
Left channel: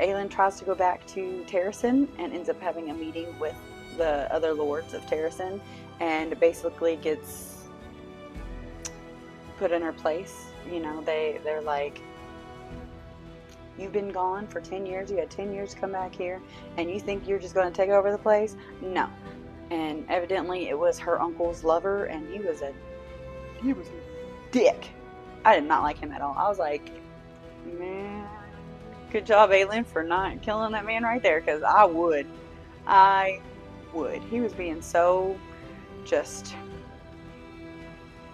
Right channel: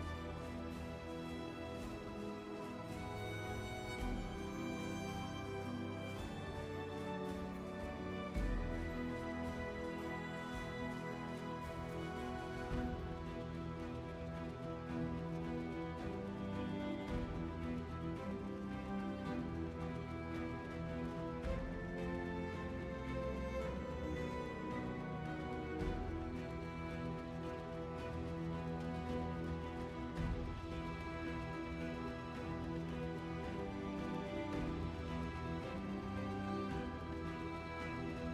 Aelin tries to go back to Terrasen and ends up having a meeting with the other lords of Terrasen, and basically gets put in her place. You know, they're like, "You've been gone for 10 years. You had 10 years to come back here, and you think you're just going to take over the place? No." And evidently it was her uncle's lover, and he was a dick. I did not like him at all. I was like, man, good job, Aelin, for not killing that man right there, because I would. He was being so just,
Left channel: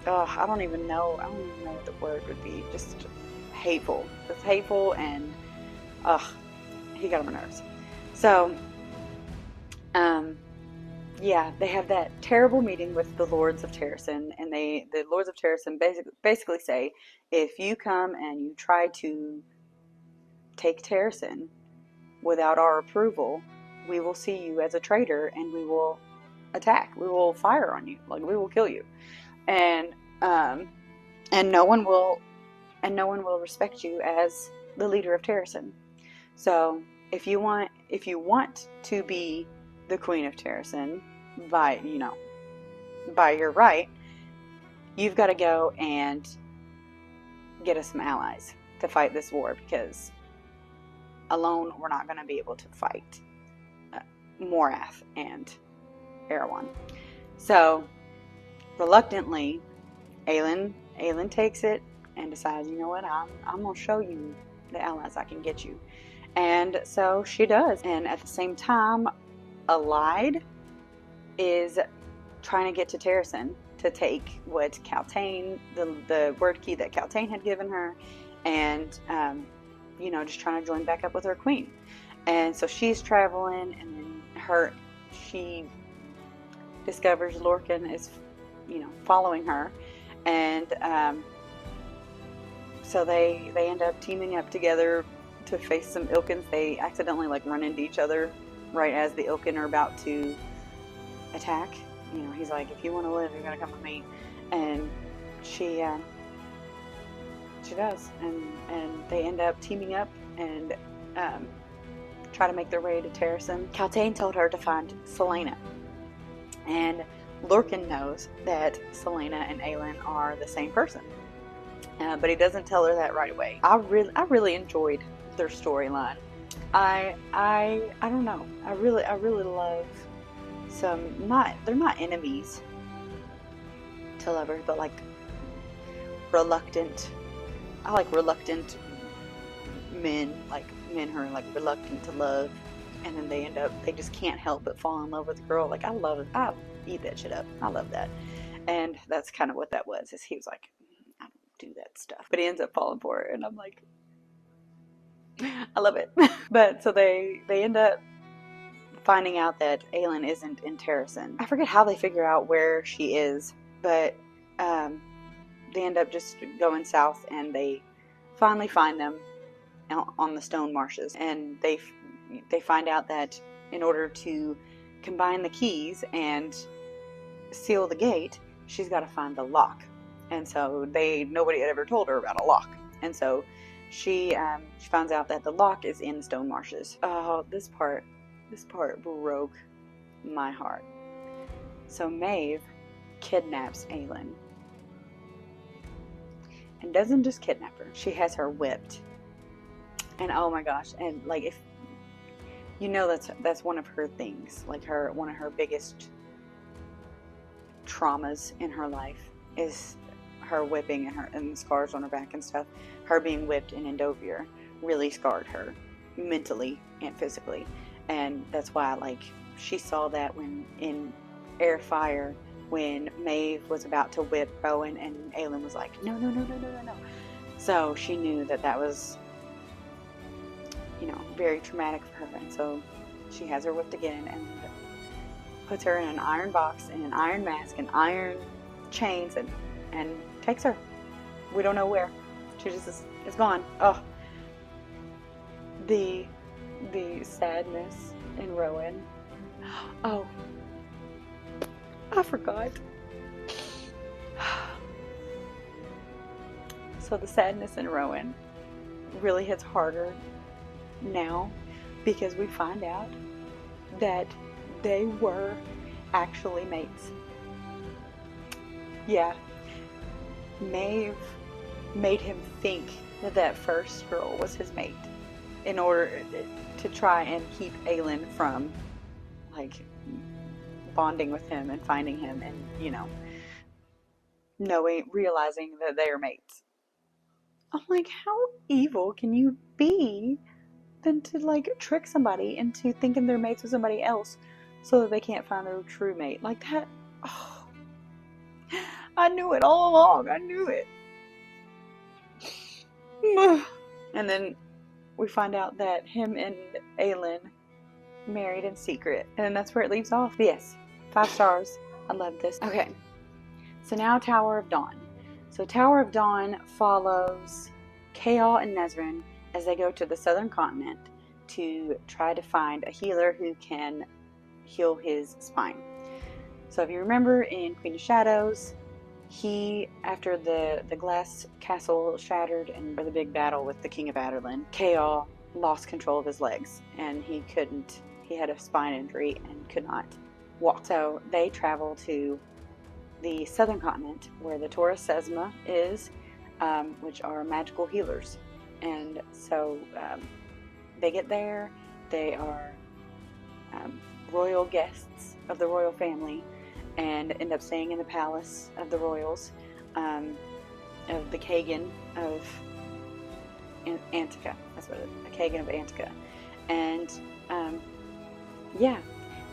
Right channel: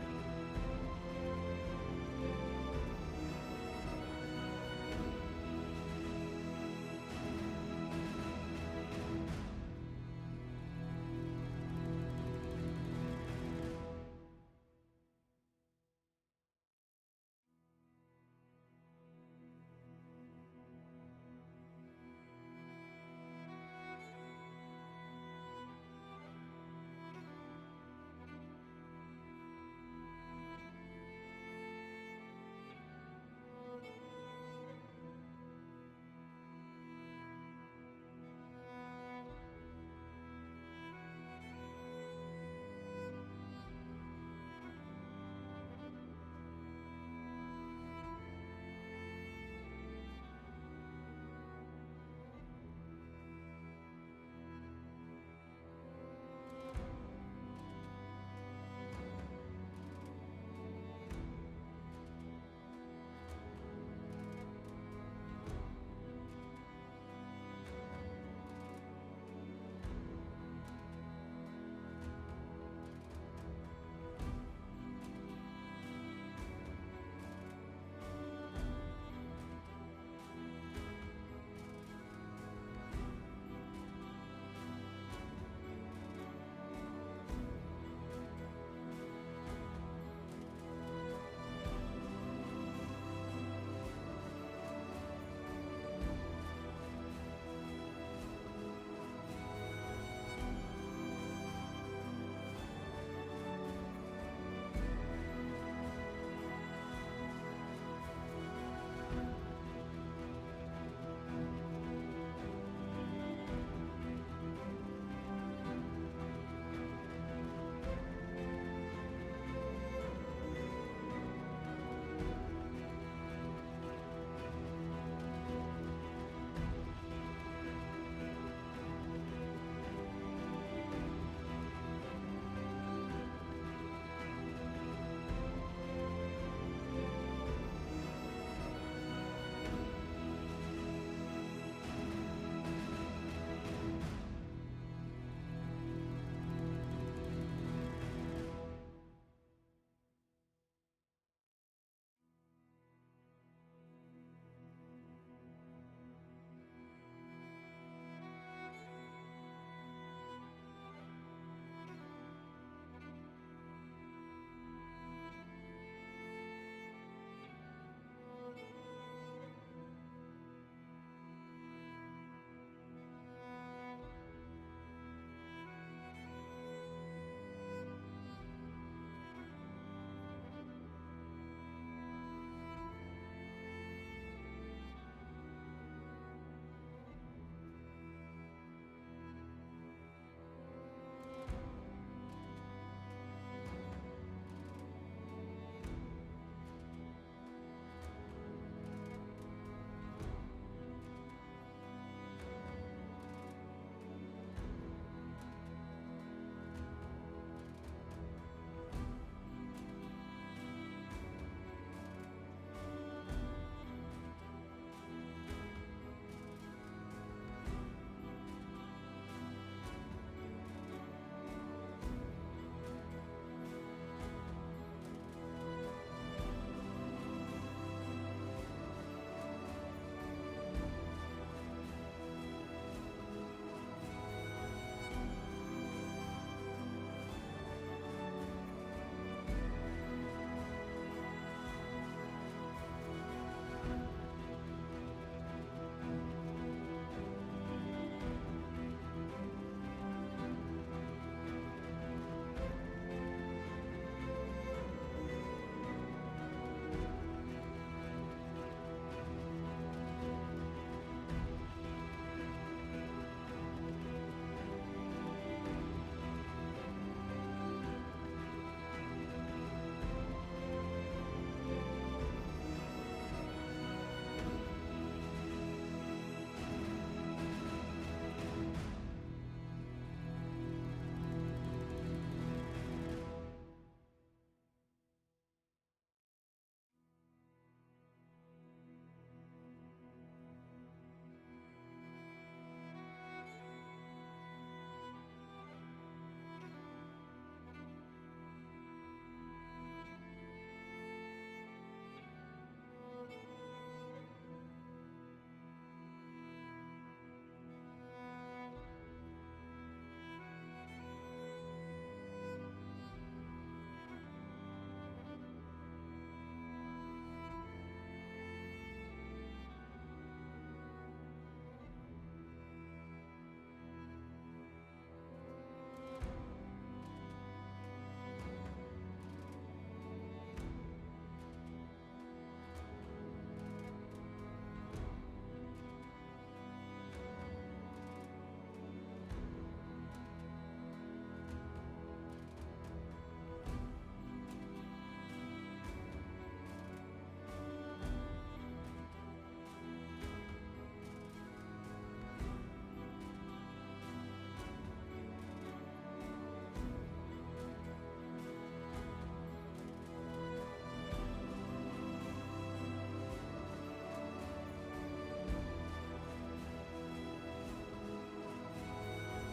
I don't even know what the word would be. Just hateful. It's hateful, and he got on my nerves. So, they have that terrible meeting with the Lords of Terrasen, and the Lords of Terrasen basically say, if you come and you try to take Terrasen without our approval, we will see you as a traitor, and we will attack. We will fire on you. Like, we will kill you, and no one will respect you as the leader of Terrasen. So if you want to be the Queen of Terrasen by your right, you've got to go and get us some allies to fight this war, because alone we're not going to be able to fight Morath and Erewhon. So reluctantly, Aelin takes it and decides, you know what, I'm going to show you the allies I can get you. And so she does. And at the same time, Allied is trying to get to Terrasen to take what Kaltain, the word key that Kaltain had given her, and just trying to join back up with her queen. And so she's traveling, and then she discovers Lorcan is following her, and so they end up teaming up together to face some Ilkins. They accidentally run into each other right as the Ilkin are about to attack. He's like, if you want to live, you gotta come with me. And she does, and they end up teaming up and try to make their way to Terrasen. Kaltain told her to find Selena, and Lorcan knows that Selena and Aelin are the same person, but he doesn't tell her that right away. I really enjoyed their storyline. I don't know. I really love some, they're not enemies to lovers, but reluctant. I like reluctant men, men who are reluctant to love, and then they just can't help but fall in love with a girl. I love it. I eat that shit up. I love that. And that's kind of what that was, is he was like, I don't do that stuff. But he ends up falling for her, and I'm like, I love it. But so they end up finding out that Aelin isn't in Terrasen. I forget how they figure out where she is, but they end up just going south, and they finally find them on the stone marshes. And they find out that in order to combine the keys and seal the gate, she's got to find the lock and so nobody had ever told her about a lock, and so she finds out that the lock is in the stone marshes. Oh, this part broke my heart. So Maeve kidnaps Aelin, and doesn't just kidnap her, she has her whipped. And oh my gosh, and like, if you know, that's one of her things, like one of her biggest traumas in her life is her whipping, and the scars on her back and stuff. Her being whipped in Endovir really scarred her mentally and physically, and that's why, like, she saw that when in Air Fire, when Maeve was about to whip Rowan, and Aelin was like, no. So she knew that was, you know, very traumatic for her, and so she has her whipped again and puts her in an iron box, in an iron mask, and iron chains, and takes her. We don't know where. She just is gone. Oh, the sadness in Rowan. Oh, I forgot. So the sadness in Rowan really hits harder now, because we find out that they were actually mates. Yeah, Maeve made him think that first girl was his mate in order to try and keep Aelin from, like, bonding with him and finding him, and, you know, realizing that they are mates. I'm like, how evil can you be than to, like, trick somebody into thinking they're mates with somebody else so that they can't find their true mate? Like that. Oh, I knew it all along. I knew it. And then we find out that him and Aelin married in secret, and then that's where it leaves off. Yes, 5 stars. I love this. Okay, so now Tower of Dawn. So Tower of Dawn follows KoA and Nezrin as they go to the southern continent to try to find a healer who can heal his spine. So if you remember in Queen of Shadows, after the glass castle shattered and the big battle with the King of Adarlan, KoA lost control of his legs, and he had a spine injury and could not walk. So they travel to the southern continent where the ToD SPOILERS is, which are magical healers. And so they get there. They are royal guests of the royal family, and end up staying in the palace of the royals, of the Kagan of Antica. That's what it is, the Kagan of Antica. And yeah,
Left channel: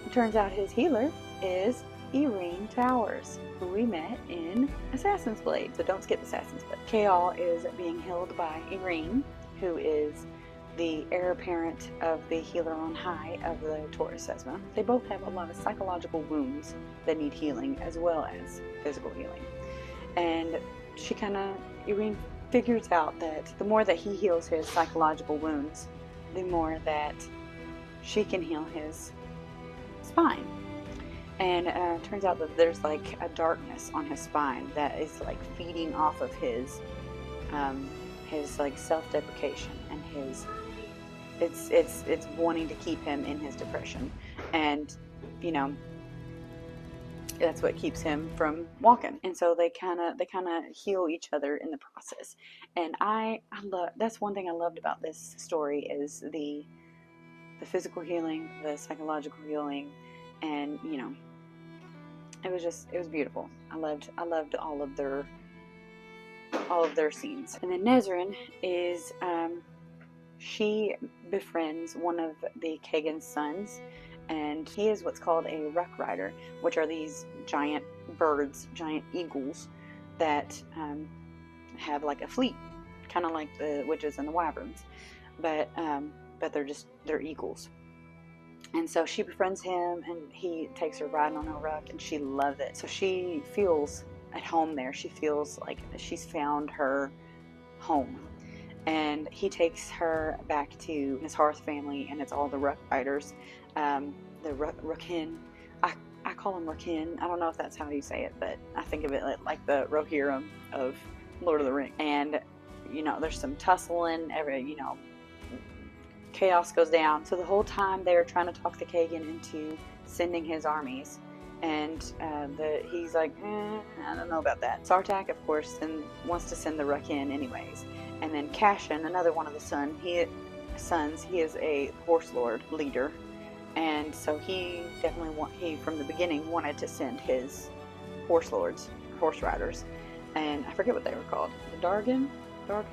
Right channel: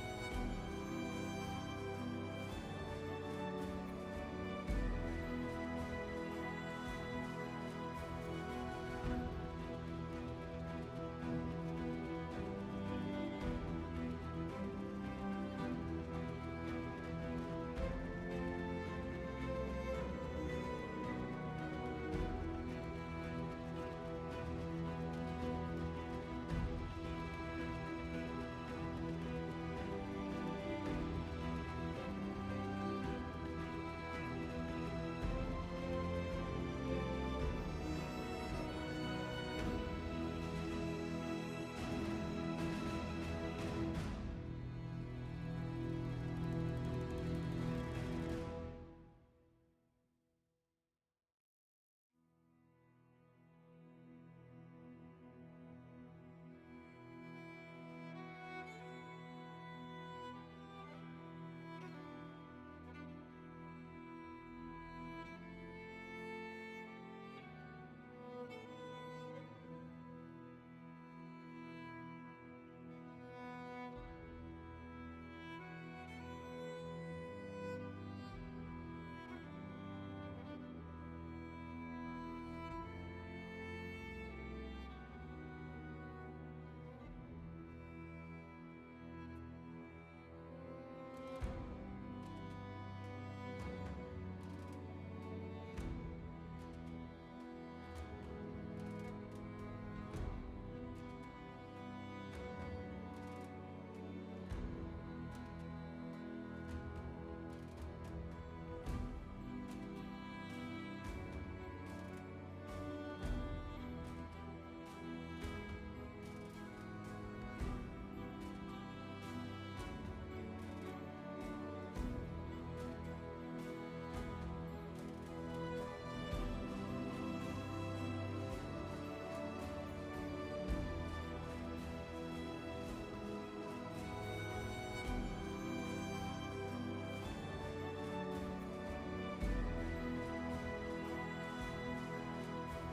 it turns out his healer is Irene Towers, who we met in Assassin's Blade. So don't skip Assassin's Blade. KoA is being healed by Irene, who is the heir apparent of the healer on high of the ToD SPOILERS. They both have a lot of psychological wounds that need healing, as well as physical healing. And Irene figures out that the more that he heals his psychological wounds, the more that she can heal his spine. And it turns out that there's like a darkness on his spine that is like feeding off of his like self-deprecation and his it's wanting to keep him in his depression, and you know, that's what keeps him from walking. And so they kind of heal each other in the process. And I love, that's one thing I loved about this story, is the physical healing, the psychological healing, and you know, it was beautiful. I loved all of their scenes. And then Nezrin is she befriends one of the Kagan's sons, and he is what's called a ruck rider, which are these giant birds, giant eagles that have like a fleet, kind of like the witches and the wyverns, but they're eagles. And so she befriends him, and he takes her riding on her ruck, and she loves it. So she feels at home there. She feels like she's found her home. And he takes her back to his hearth family, and it's all the ruck riders, the ruckin. I call call him Rakin. I don't know if that's how you say it, but I think of it like the Rohirrim of Lord of the Rings. And, you know, there's some tussling, chaos goes down. So the whole time they're trying to talk the Kagan into sending his armies. And he's like, I don't know about that. Sartak, of course, wants to send the Rakin anyways. And then Cashin, another one of the sons, he is a horse lord leader. And so he definitely from the beginning wanted to send his horse riders. And I forget what they were called. Dargan? I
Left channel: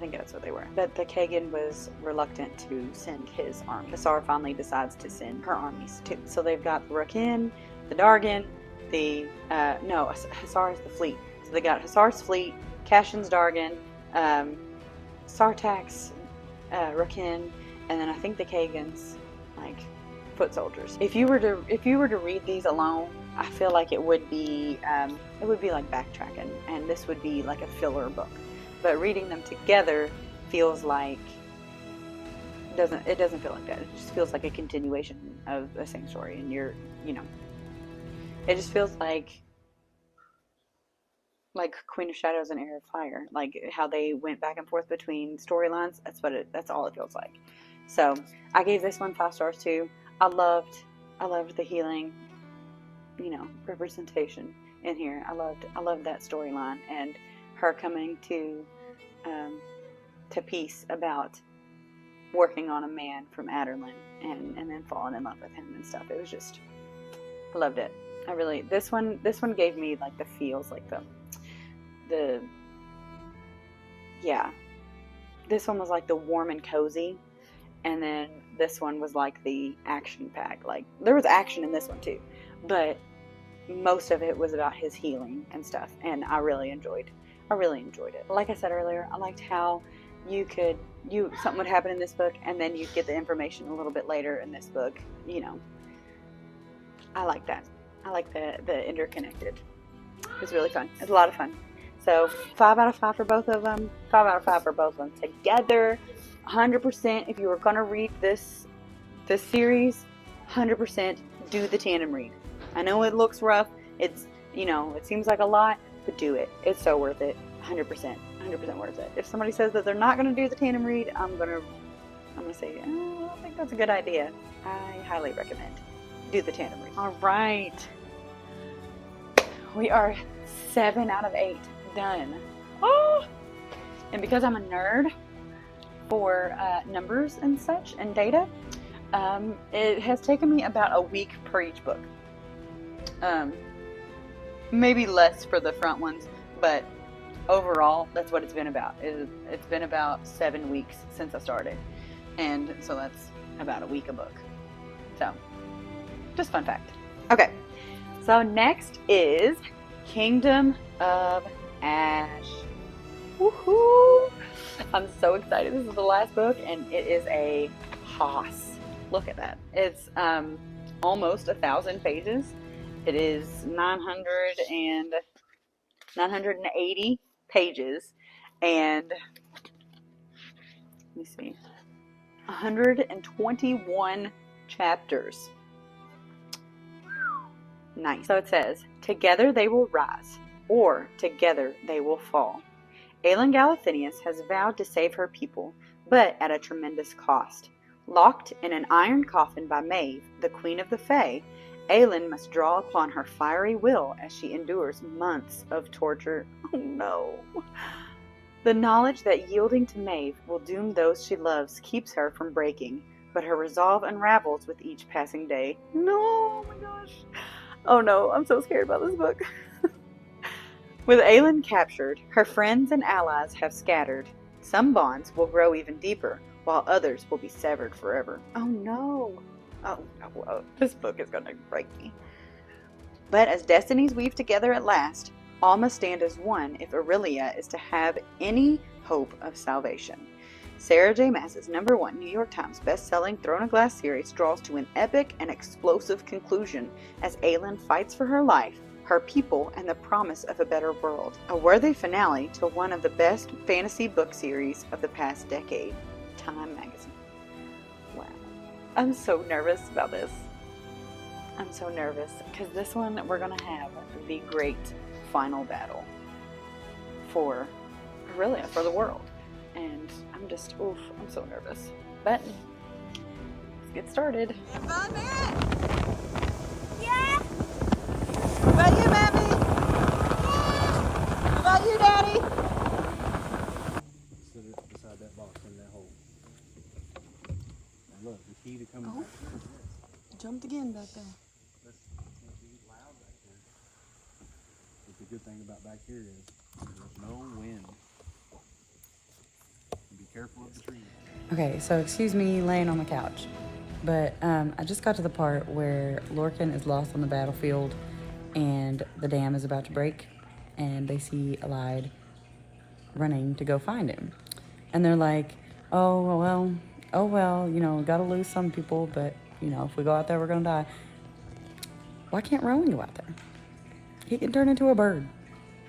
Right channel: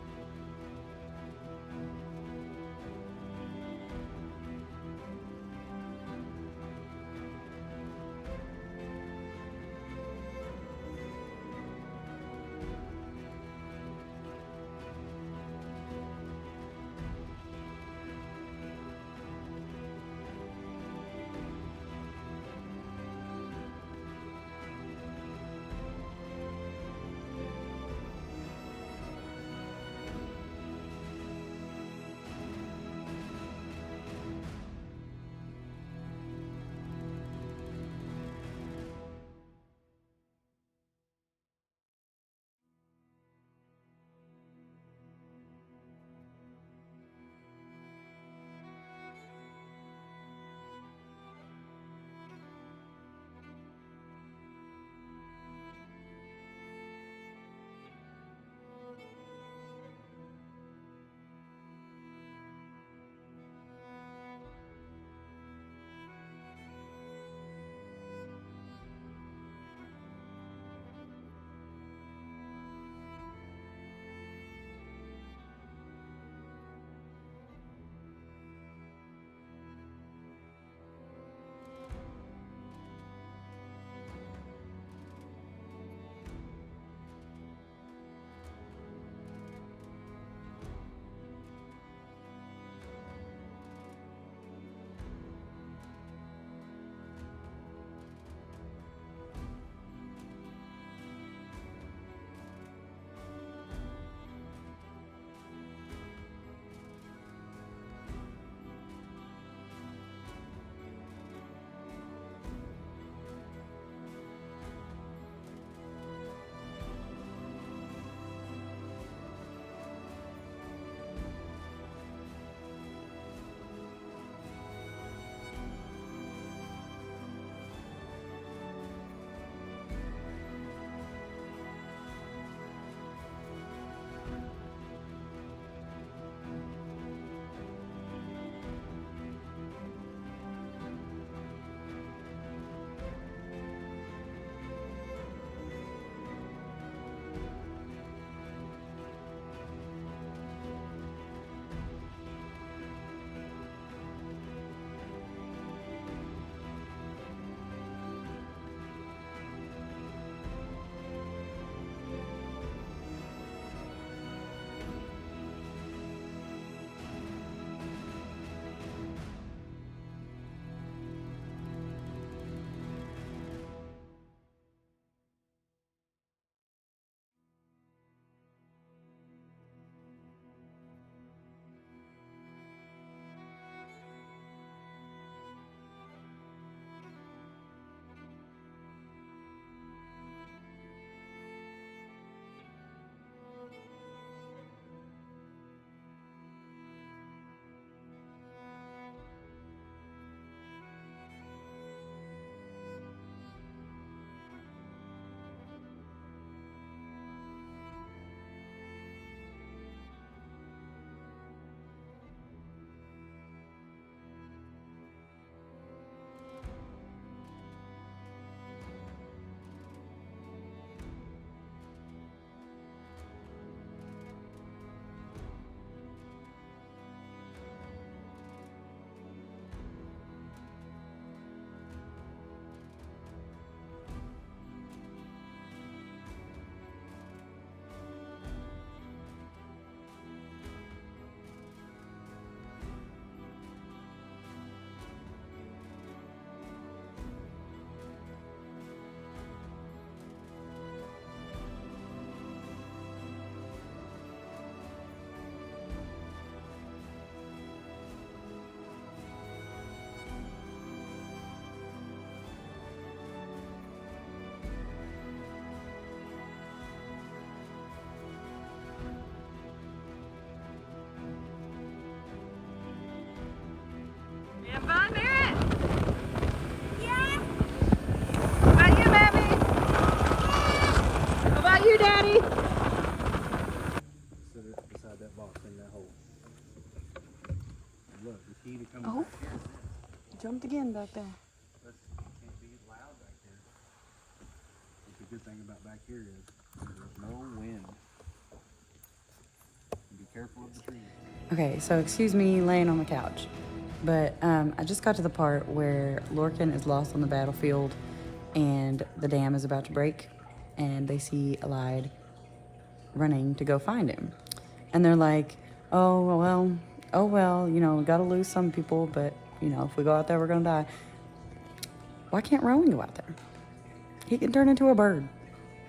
think that's what they were. But the Kagan was reluctant to send his army. Hassar finally decides to send her armies too. So they've got the Rakin, the Dargan, Hassar is the fleet. So they got Hassar's fleet, Cashin's Dargan, Sartak's Rakin, and then I think the Kagan's like foot soldiers. If you were to read these alone, I feel like it would be like backtracking, and this would be like a filler book. But reading them together feels like it doesn't feel like that. It just feels like a continuation of the same story, and it just feels like Queen of Shadows and Heir of Fire, like how they went back and forth between storylines. That's all it feels like. So I gave this one 5 stars too. I loved the healing, representation in here. I loved that storyline, and her coming to peace about working on a man from Adderlin and then falling in love with him and stuff. It was just, I loved it. I really, this one gave me like the feels, like this one was like the warm and cozy, and then this one was like the action pack. Like there was action in this one too, but most of it was about his healing and stuff, and I really enjoyed it. Like I said earlier, I liked how something would happen in this book, and then you'd get the information a little bit later in this book. I like that. I like the interconnected. It was really fun. It was a lot of fun. So 5 out of 5 for both of them. 5 out of 5 for both of them together. 100%. If you were gonna read this series, 100% do the tandem read. I know it looks rough. It's it seems like a lot, but do it. It's so worth it. 100% worth it. If somebody says that they're not gonna do the tandem read, I'm gonna say, I don't think that's a good idea. I highly recommend do the tandem read. All right, we are 7 out of 8 done. Oh! And because I'm a nerd for numbers and such and data, it has taken me about a week per each book. Maybe less for the front ones, but overall, that's what it's been about. It's been about 7 weeks since I started, and so that's about a week a book. So, just fun fact. Okay, so next is Kingdom of Ash. Woohoo! I'm so excited. This is the last book, and it is a hoss. Look at that. It's almost 1,000 pages. It is 980 pages, and let me see, 121 chapters. Nice. So it says, together they will rise, or together they will fall. Aelin Galathynius has vowed to save her people, but at a tremendous cost. Locked in an iron coffin by Maeve, the Queen of the Fae, Aelin must draw upon her fiery will as she endures months of torture. Oh no. The knowledge that yielding to Maeve will doom those she loves keeps her from breaking, but her resolve unravels with each passing day. No, oh my gosh. Oh no, I'm so scared about this book. With Aelin captured, her friends and allies have scattered. Some bonds will grow even deeper, while others will be severed forever. Oh no. Oh, this book is going to break me. But as destinies weave together at last, all must stand as one if Aurelia is to have any hope of salvation. Sarah J. Maas's #1 New York Times best-selling Throne of Glass series draws to an epic and explosive conclusion as Aelin fights for her life, her people, and the promise of a better world. A worthy finale to one of the best fantasy book series of the past decade. Time magazine. Wow. I'm so nervous about this. I'm so nervous because this one we're gonna have the great final battle for the world, and I'm just I'm so nervous. But let's get started. Have fun, Barrett. Yeah. What about you, Daddy? What about you, Daddy? Sit it beside that box in that hole. And look, the key to coming Oh. back here is this. Jumped again back there. Listen, it can't be loud back here. But the good thing about back here is there's no wind. And be careful of the trees. Okay, so excuse me laying on the couch, but I just got to the part where Lorcan is lost on the battlefield and the dam is about to break, and they see Allied running to go find him. And they're like, oh well, you know, we gotta lose some people, but, you know, if we go out there, we're gonna die. Why can't Rowan go out there? He can turn into a bird.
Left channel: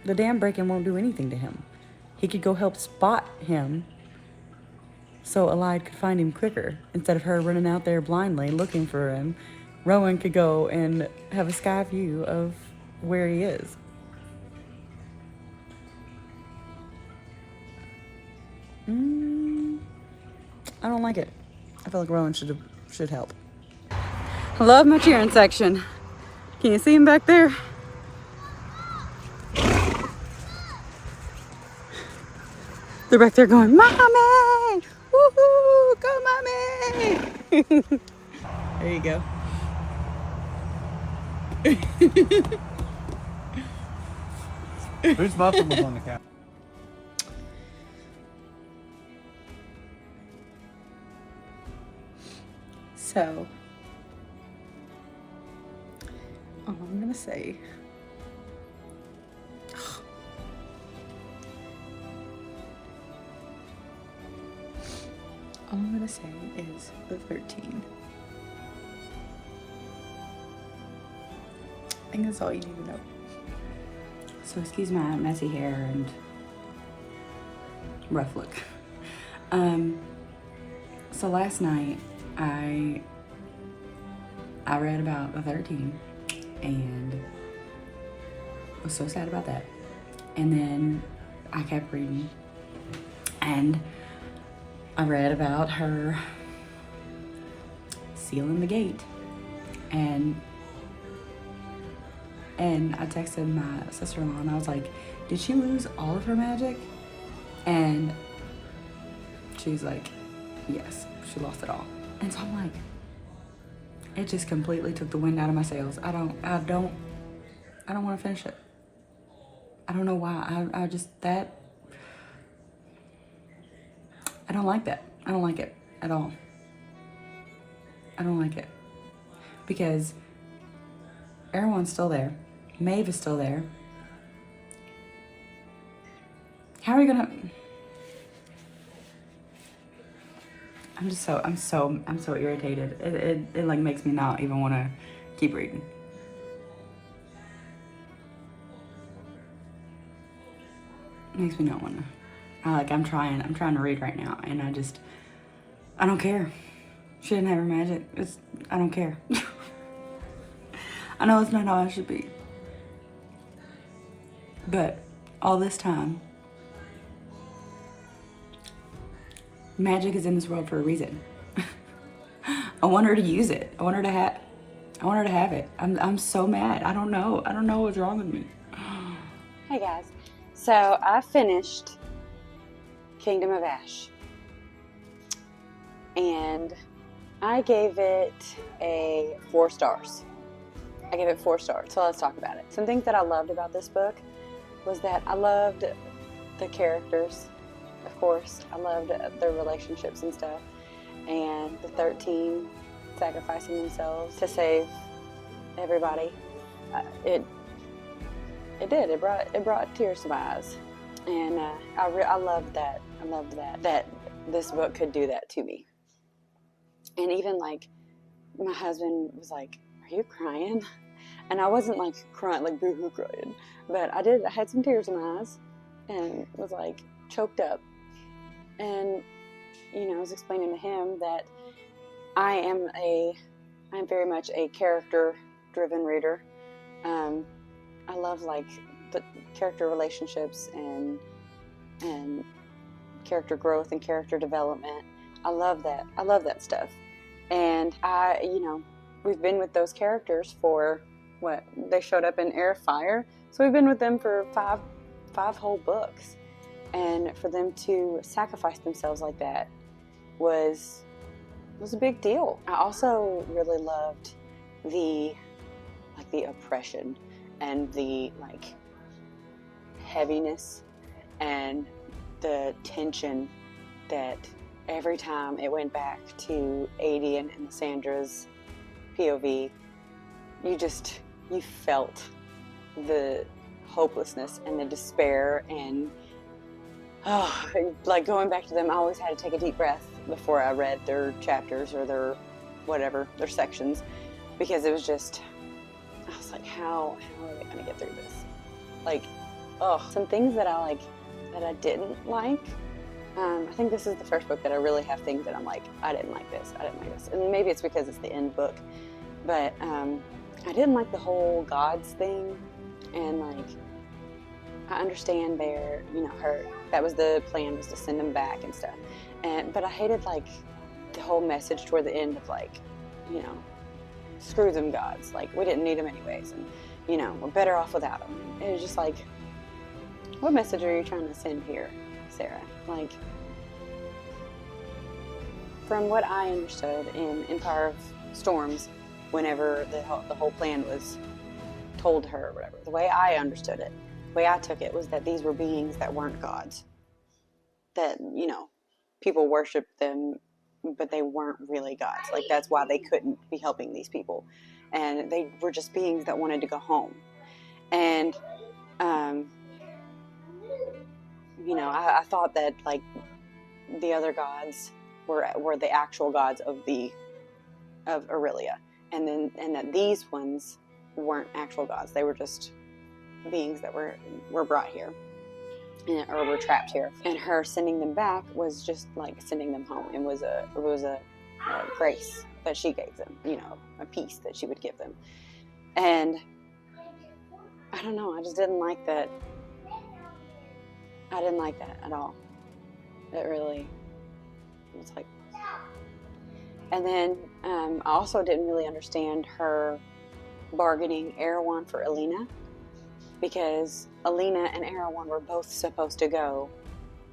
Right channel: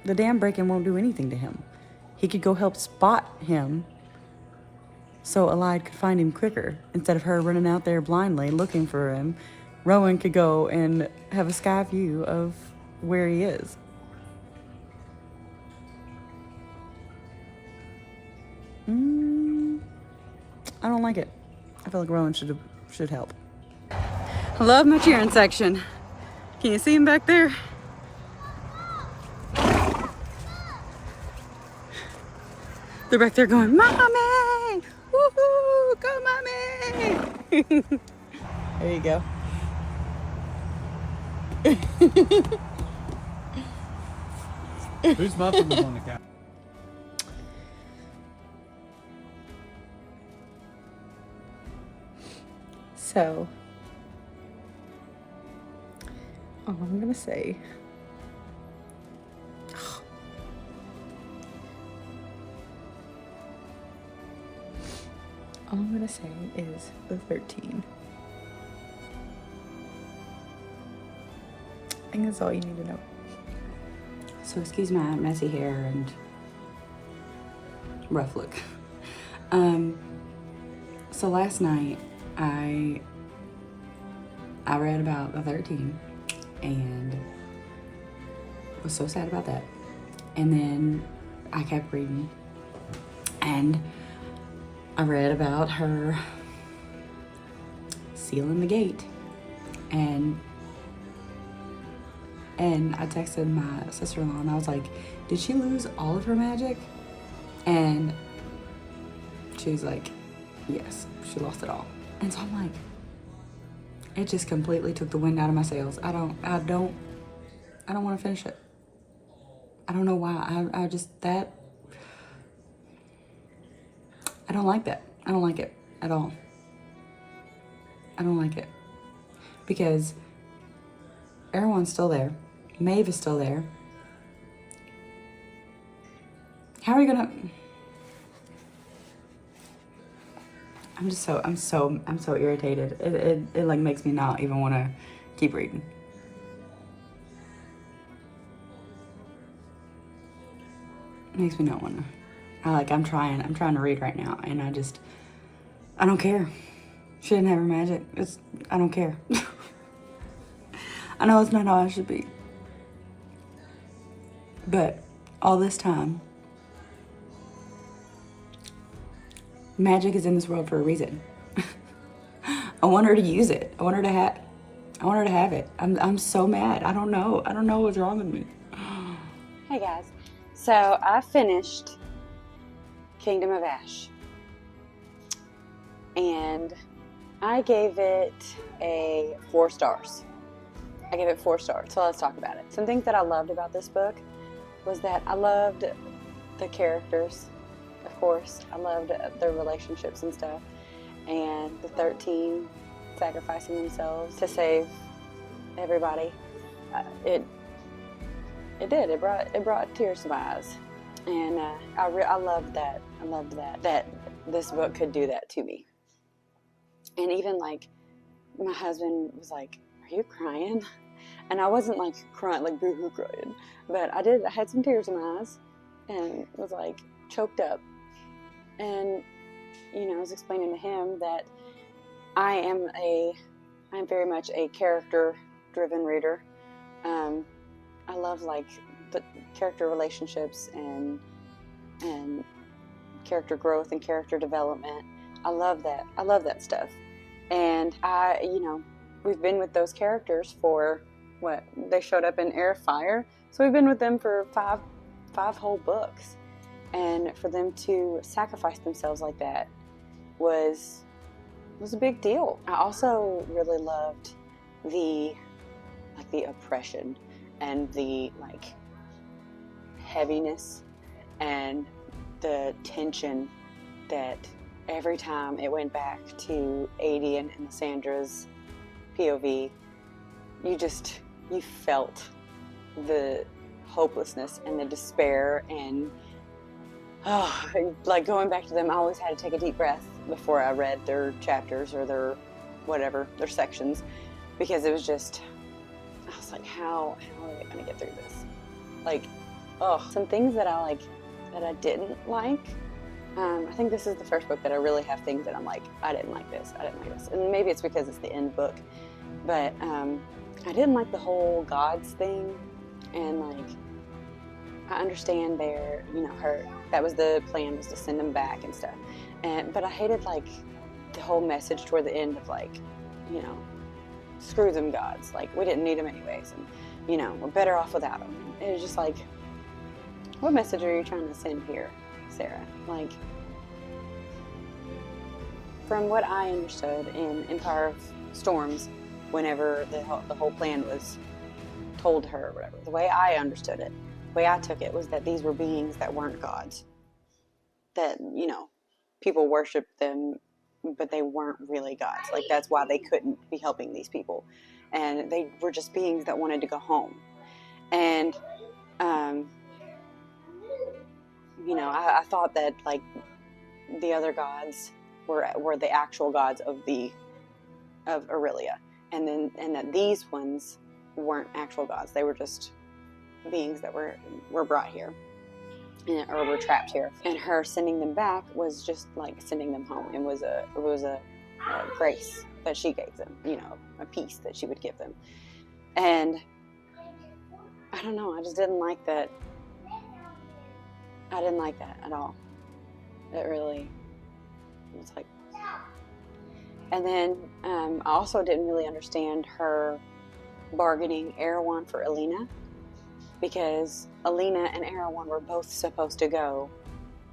The dam breaking won't do anything to him. He could go help spot him so Allied could find him quicker. Instead of her running out there blindly looking for him, Rowan could go and have a sky view of where he is. I don't like it. I feel like Rowan should help. I love my cheering section. Can you see him back there? They're back there going, Mommy! Woohoo! Go, Mommy! There you go. Whose muffin was on the couch? So, all I'm gonna say, is the 13. I think that's all you need to know. So excuse my messy hair and rough look. So last night I read about the 13 and was so sad about that. And then I kept reading and I read about her sealing the gate, and I texted my sister-in-law and I was like, did she lose all of her magic? And she was like, yes, she lost it all. And so I'm like, it just completely took the wind out of my sails. I don't want to finish it. I don't know why. I don't like that. I don't like it at all. I don't like it. Because everyone's still there. Maeve is still there. How are you gonna... I'm so irritated. It like makes me not even want to keep reading. It makes me not want to. I'm trying to read right now, and I don't care. She didn't have her magic. I don't care. I know it's not how I should be. But all this time, magic is in this world for a reason. I want her to use it. I want her to have it. I'm so mad. I don't know what's wrong with me. Hey guys, so I finished Kingdom of Ash, and I gave it 4 stars. I gave it 4 stars, so let's talk about it. Some things that I loved about this book was that I loved the characters, of course. I loved their relationships and stuff, and the 13 sacrificing themselves to save everybody. It brought tears to my eyes, and I loved that. I loved that this book could do that to me. And even like my husband was like, "Are you crying?" And I wasn't like crying, like boo-hoo crying, but I had some tears in my eyes, and was like choked up. And I was explaining to him that I'm very much a character driven reader. I love like the character relationships and character growth and character development. I love that stuff. And we've been with those characters for they showed up in Air of Fire, so we've been with them for five whole books, and for them to sacrifice themselves like that was a big deal. I also really loved the oppression and the heaviness and the tension that every time it went back to Adian and Lissandra's POV, you felt the hopelessness and the despair, and going back to them, I always had to take a deep breath before I read their chapters or their sections, because it was just, I was like, how are they going to get through this? Some things that I didn't like. I think this is the first book that I really have things that I'm like, I didn't like this, and maybe it's because it's the end book, but I didn't like the whole gods thing, and I understand that was the plan, was to send them back and stuff, but I hated the whole message toward the end of screw them gods, we didn't need them anyways, and we're better off without them. It was just what message are you trying to send here, Sarah? From what I understood in Empire of Storms, whenever the whole plan was told to her or whatever, the way I understood it, the way I took it, was that these were beings that weren't gods. That, people worshiped them, but they weren't really gods. That's why they couldn't be helping these people. And they were just beings that wanted to go home. And, I thought that, the other gods were the actual gods of Aurelia. And that these ones weren't actual gods. They were just beings that were brought here, or were trapped here. And her sending them back was just sending them home. It was a grace that she gave them, a peace that she would give them. And I don't know, I just didn't like that. I didn't like that at all. It really was and then I also didn't really understand her bargaining Erewhon for Alina, because Alina and Erewhon were both supposed to go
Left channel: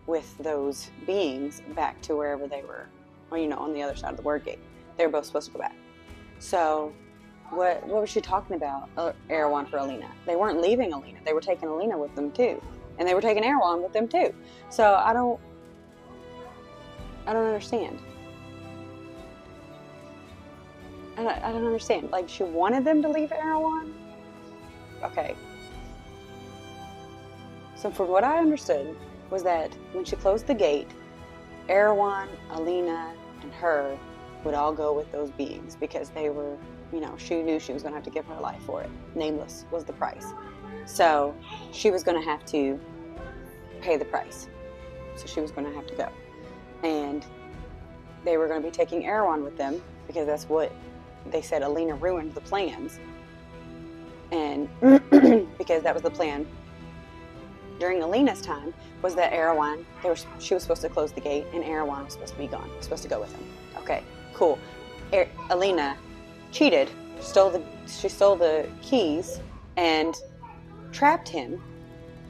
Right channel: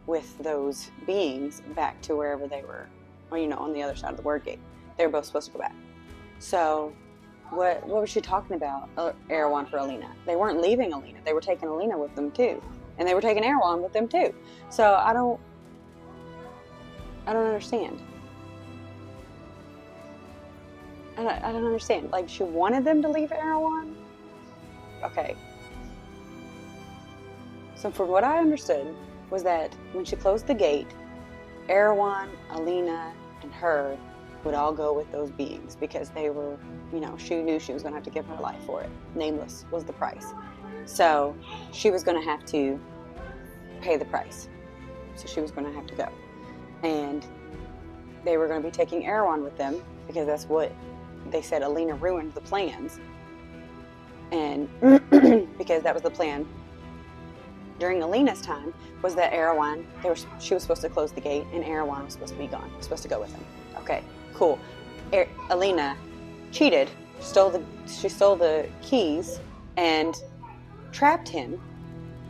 with those beings back to wherever they were, or on the other side of the Word Gate. They were both supposed to go back. So what was she talking about, Erewhon for Alina? They weren't leaving Alina. They were taking Alina with them too, and they were taking Erewhon with them too. So I don't understand. I don't understand. She wanted them to leave Erewhon? Okay. So from what I understood was that when she closed the gate, Erewhon, Alina, and her would all go with those beings, because they were, she knew she was going to have to give her life for it. Nameless was the price. So she was going to have to pay the price. So she was going to have to go. And they were going to be taking Erewhon with them, because that's what they said. Alina ruined the plans, and because that was the plan during Alina's time, was that Erewhon, she was supposed to close the gate, and Erewhon was supposed to be gone, supposed to go with him. Okay, cool. Alina cheated, she stole the keys and trapped him,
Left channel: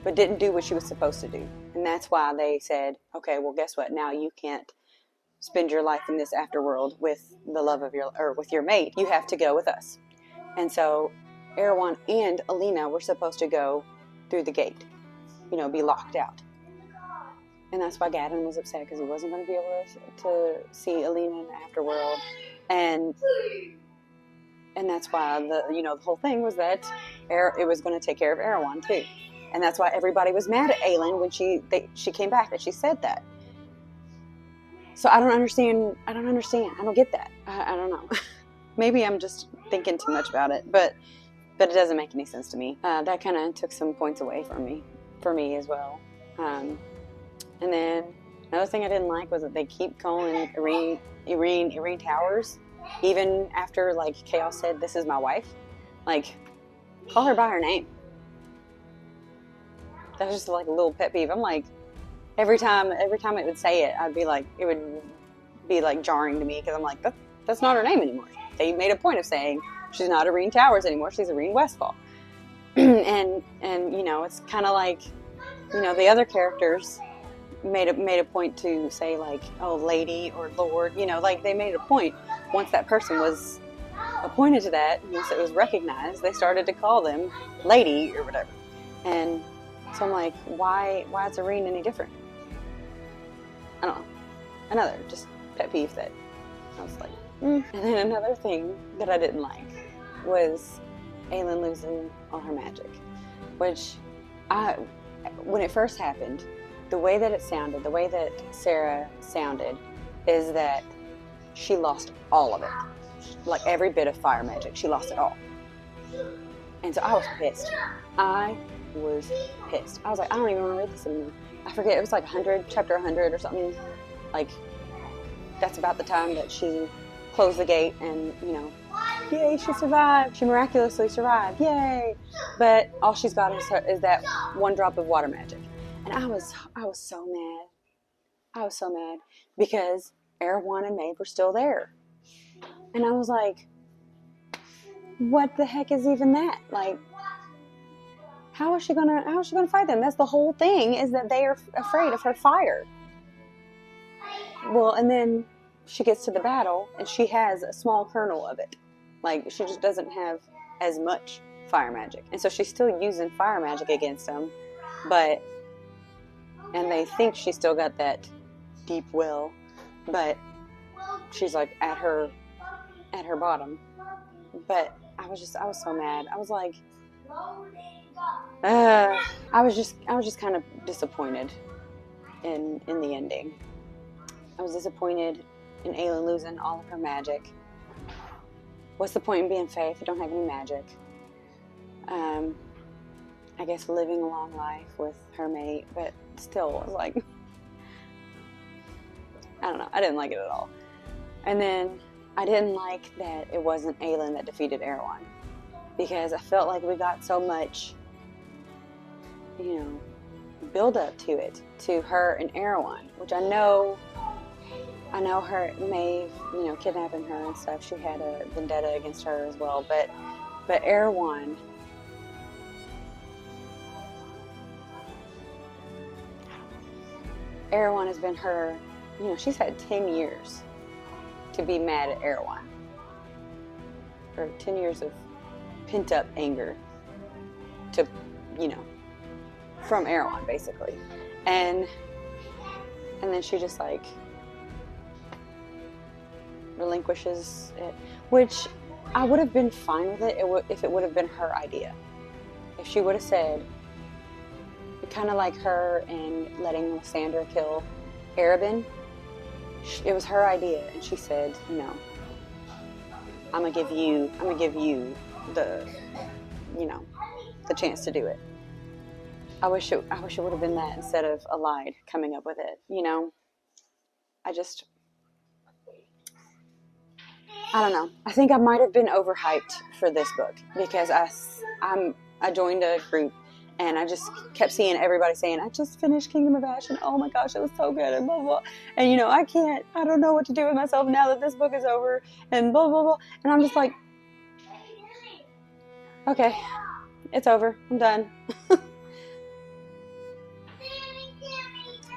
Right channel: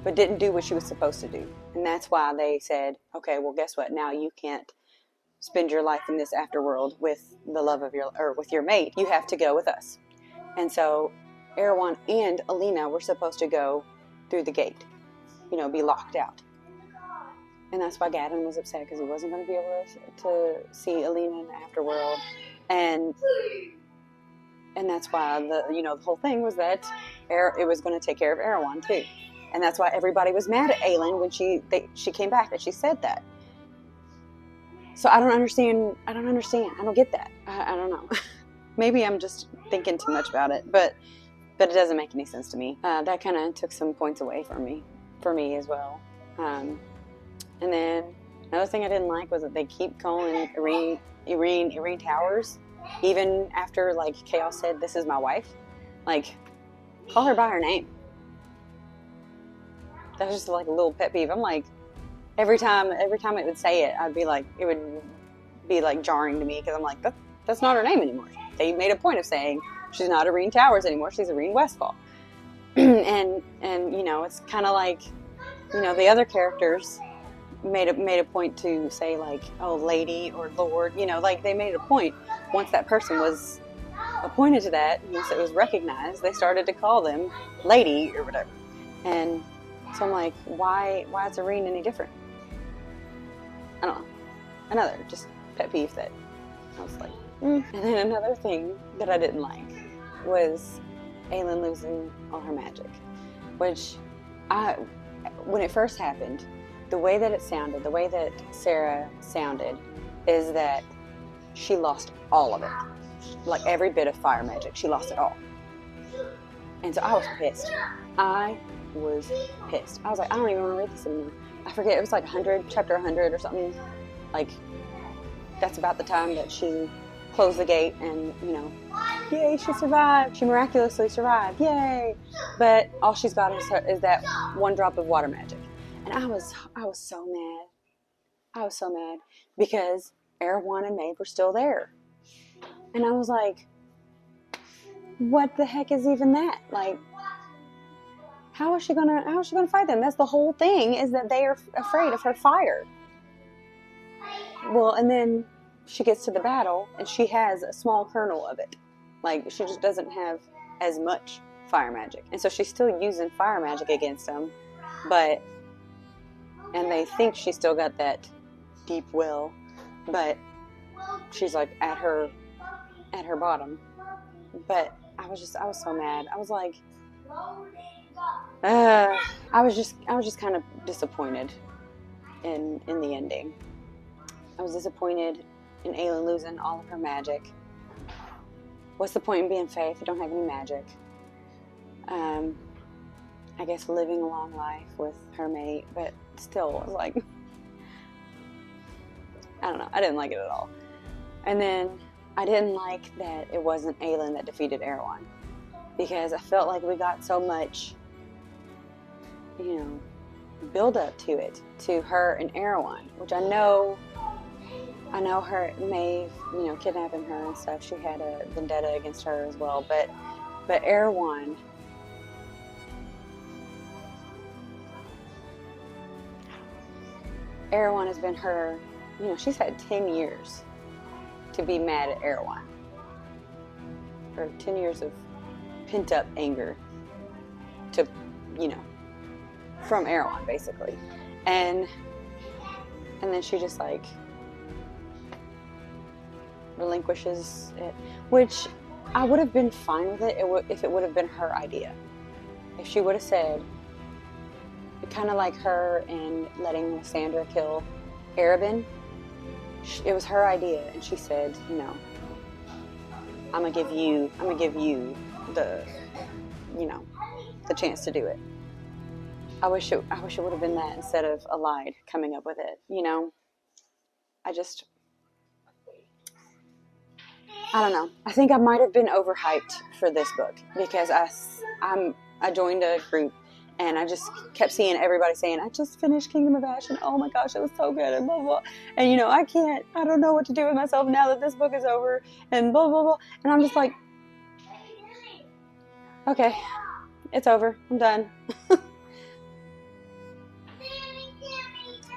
but didn't do what she was supposed to do. And that's why they said, okay, well, guess what? Now you can't spend your life in this afterworld with the love of with your mate. You have to go with us. And so Erewhon and Alina were supposed to go through the gate, be locked out. And that's why Gavin was upset, because he wasn't going to be able to see Alina in the afterworld. And that's why the whole thing was that it was going to take care of Erewhon too. And that's why everybody was mad at Aelin when she came back and she said that. So I don't understand. I don't get that. I don't know. Maybe I'm just thinking too much about it, but it doesn't make any sense to me. That kind of took some points away from me as well. And then another thing I didn't like was that they keep calling Irene Towers, even after KoA said, "This is my wife." Like, call her by her name. That was just like a little pet peeve. I'm like, every time it would say it, I'd be like, it would be like jarring to me because I'm like, that's not her name anymore. They made a point of saying she's not Irene Towers anymore. She's Irene Westfall. and you know, it's kind of like, you know, the other characters made a point to say like, oh, lady or lord, you know, like they made a point once that person was appointed to that, once it was recognized, they started to call them lady or whatever. And so I'm like, why is Irene any different? I don't know. Another just pet peeve that I was like, And then another thing that I didn't like was Aelin losing all her magic, which when it first happened, the way that it sounded, the way that Sarah sounded, is that she lost all of it. Like every bit of fire magic, she lost it all. And so I was pissed. I was like, I don't even want to read this anymore. I forget, it was like chapter 100 or something. Like, that's about the time that she closed the gate and, you know, yay, she survived. She miraculously survived, yay. But all she's got is that one drop of water magic. And I was so mad. I was so mad because Erewhon and Maeve were still there. And I was like, what the heck is even that? Like, how is she gonna fight them? That's the whole thing, is that they are afraid of her fire. Well, and then she gets to the battle and she has a small kernel of it. Like, she just doesn't have as much fire magic. And so she's still using fire magic against them, and they think she's still got that deep will, but she's like at her bottom. But I was so mad. I was like, I was just kind of disappointed in the ending. I was disappointed in Aelin losing all of her magic. What's the point in being Fae if you don't have any magic? I guess living a long life with her mate, but still, I was like, I don't know. I didn't like it at all. And then I didn't like that it wasn't Aelin that defeated Erewhon, because I felt like we got so much, you know, build up to it, to her and Erewhon, which I know her, Maeve, you know, kidnapping her and stuff. She had a vendetta against her as well, but Erewhon has been her, you know, she's had 10 years to be mad at Erewhon. Or 10 years of pent-up anger to, you know, from Erewhon, basically. And then she just, like, relinquishes it, which I would have been fine with it if it would have been her idea. If she would have said, kind of like her and letting Lysandra kill Arabin, it was her idea, and she said, you know, I'm gonna give you the, you know, the chance to do it. I wish it would have been that instead of Allied coming up with it, you know. I don't know. I think I might have been overhyped for this book because I joined a group and I just kept seeing everybody saying, I just finished Kingdom of Ash and oh my gosh, it was so good and blah, blah, blah. And you know, I don't know what to do with myself now that this book is over and blah, blah, blah. And I'm just like, okay, it's over. I'm done.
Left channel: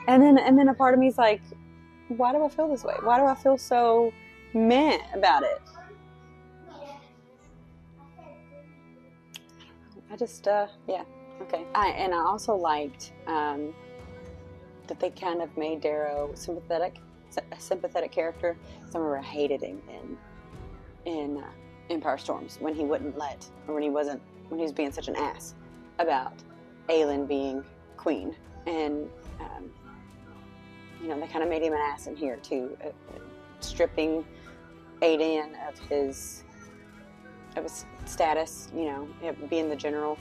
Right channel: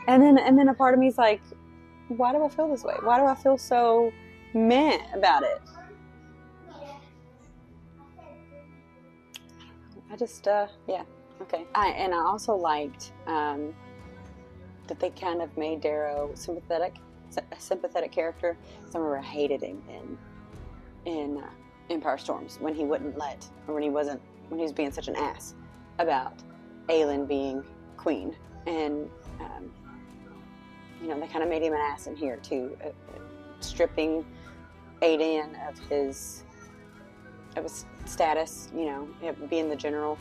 And then a part of me is like, why do I feel this way? Why do I feel so meh about it? I just, yeah, okay. I also liked that they kind of made Darrow a sympathetic character. I remember I hated him in Empire Storms when he wouldn't let, or when he was being such an ass about Aelin being queen. And, you know, they kind of made him an ass in here too, stripping Aiden of his status, you know, being the general,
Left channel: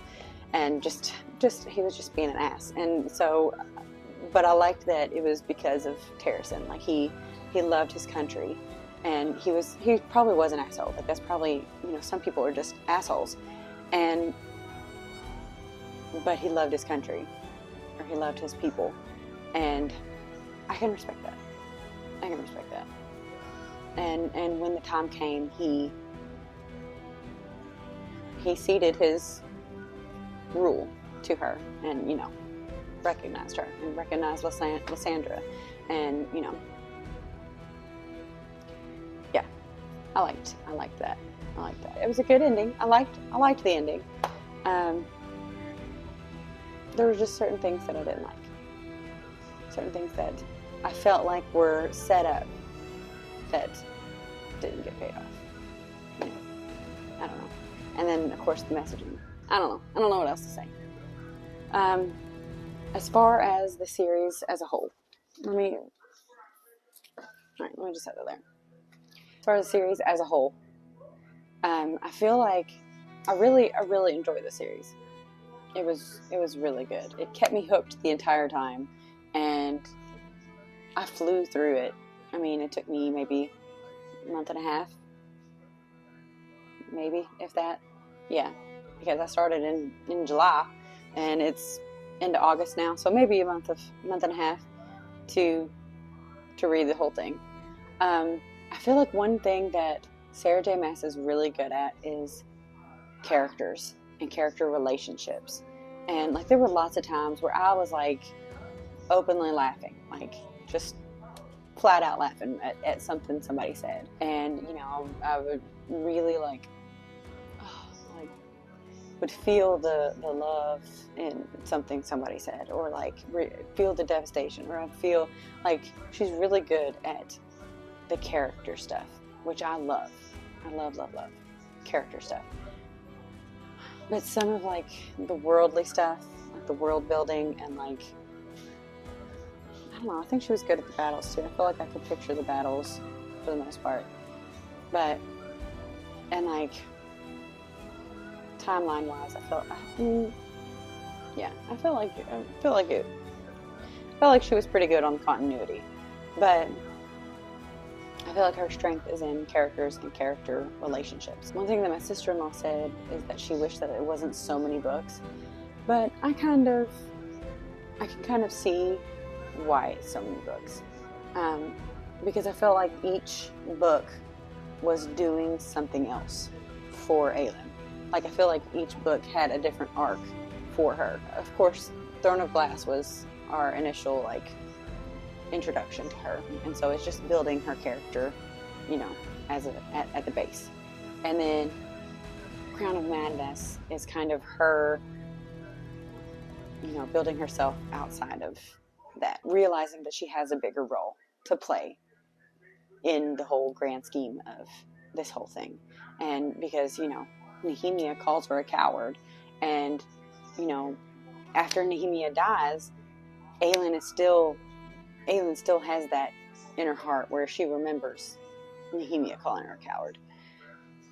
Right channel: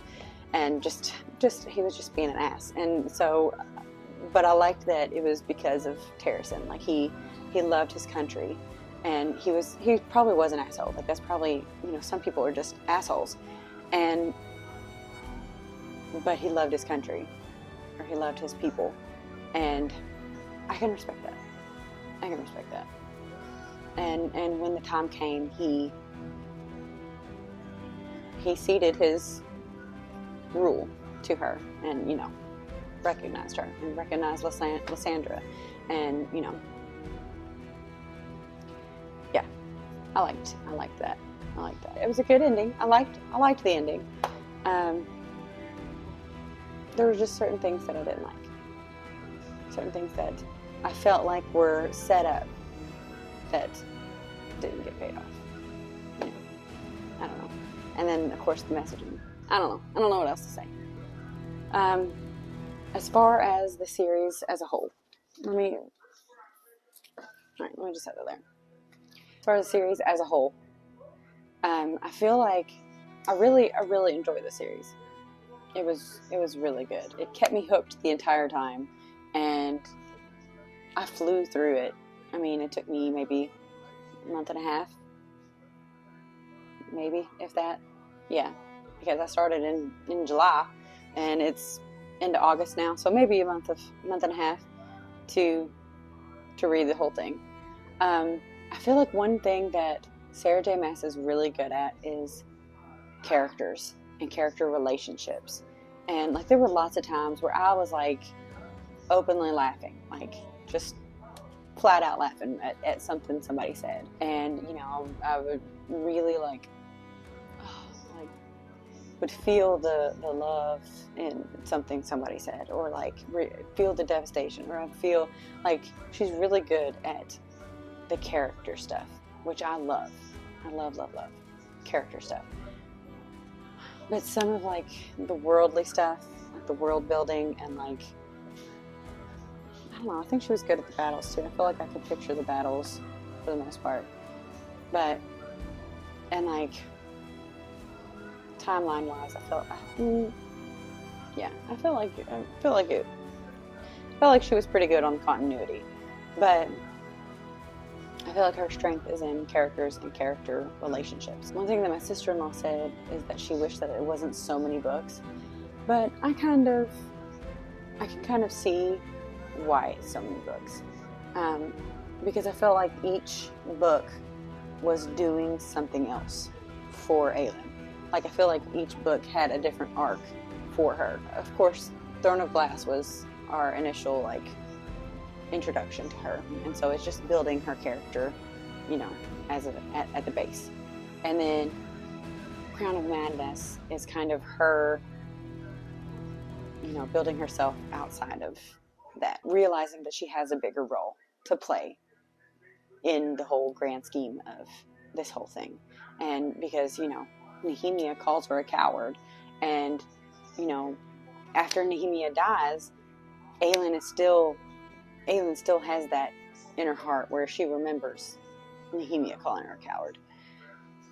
and just he was just being an ass. And so, but I liked that it was because of Terrasen. Like he loved his country, and he probably was an asshole. Like, that's probably, you know, some people are just assholes, but he loved his country, or he loved his people, and I can respect that. I can respect that. And when the time came, he ceded his rule to her, and, you know, recognized her and recognized Lysandra, and, you know, yeah, I liked that. I liked that. It was a good ending. I liked the ending. There were just certain things that I didn't like. Certain things that I felt like were set up that didn't get paid off. You know, I don't know. And then, of course, the messaging. I don't know what else to say. As far as the series as a whole, let me just set it there. As far as the series as a whole, I feel like I really enjoyed the series. It was really good. It kept me hooked the entire time, and I flew through it. I mean, it took me maybe a month and a half, maybe, if that. Yeah, because I started in July, and it's into August now, so maybe a month and a half to read the whole thing. I feel like one thing that Sarah J. Maas is really good at is characters and character relationships. And, like, there were lots of times where I was, like, openly laughing, like, just flat out laughing at something somebody said. And, you know, I would really, like, would feel the love in something somebody said, or, like, feel the devastation, or I feel like she's really good at the character stuff, which I love. I love character stuff. But some of, like, the worldly stuff, like the world building, and, like, I don't know, I think she was good at the battles too. I feel like I could picture the battles for the most part. But, and, like, timeline wise, I felt like she was pretty good on continuity. But I feel like her strength is in characters and character relationships. One thing that my sister-in-law said is that she wished that it wasn't so many books, but I can kind of see why it's so many books, because I felt like each book was doing something else for Aelin. Like, I feel like each book had a different arc for her. Of course, Throne of Glass was our initial, like, introduction to her, and so it's just building her character, you know, at the base. And then Crown of Madness is kind of her, you know, building herself outside of that, realizing that she has a bigger role to play in the whole grand scheme of this whole thing. And because, you know, Nehemia calls her a coward, and, you know, after Nehemia dies, Aelin still has that in her heart where she remembers Nehemia calling her a coward.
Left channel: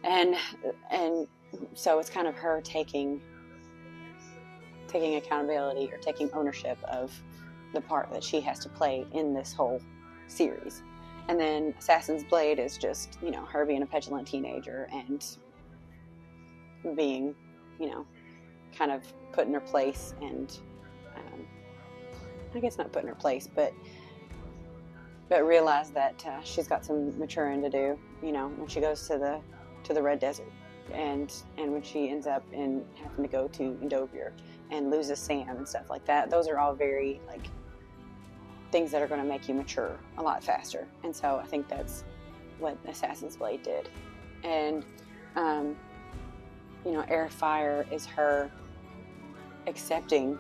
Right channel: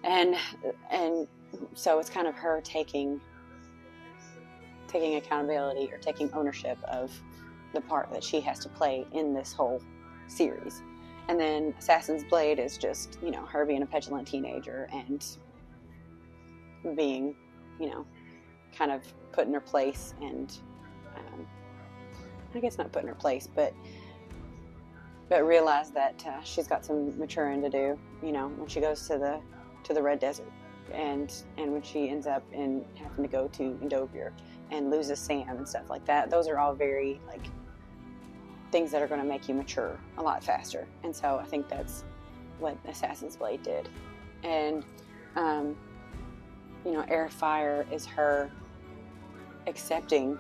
And so it's kind of her taking accountability, or taking ownership of the part that she has to play in this whole series. And then Assassin's Blade is just, you know, her being a petulant teenager and being, you know, kind of put in her place, and I guess not put in her place, but realize that she's got some maturing to do, you know, when she goes to the Red Desert, and when she ends up in having to go to Endovir and loses Sam and stuff like that. Those are all very, like, things that are going to make you mature a lot faster. And so I think that's what Assassin's Blade did. And you know, Air of Fire is her accepting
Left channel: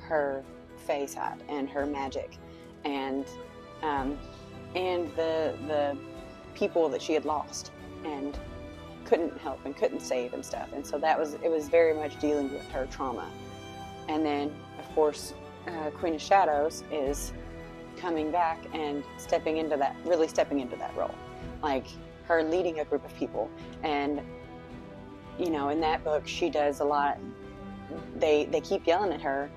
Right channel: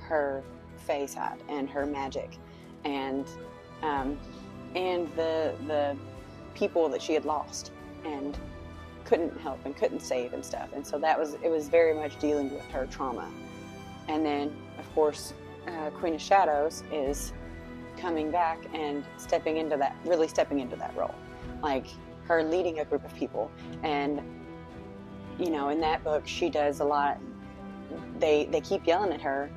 her fae side and her magic, and the people that she had lost and couldn't help and couldn't save and stuff. And so it was very much dealing with her trauma. And then, of course, Queen of Shadows is coming back and stepping into that role, like her leading a group of people. And, you know, in that book, she does a lot. They keep yelling at her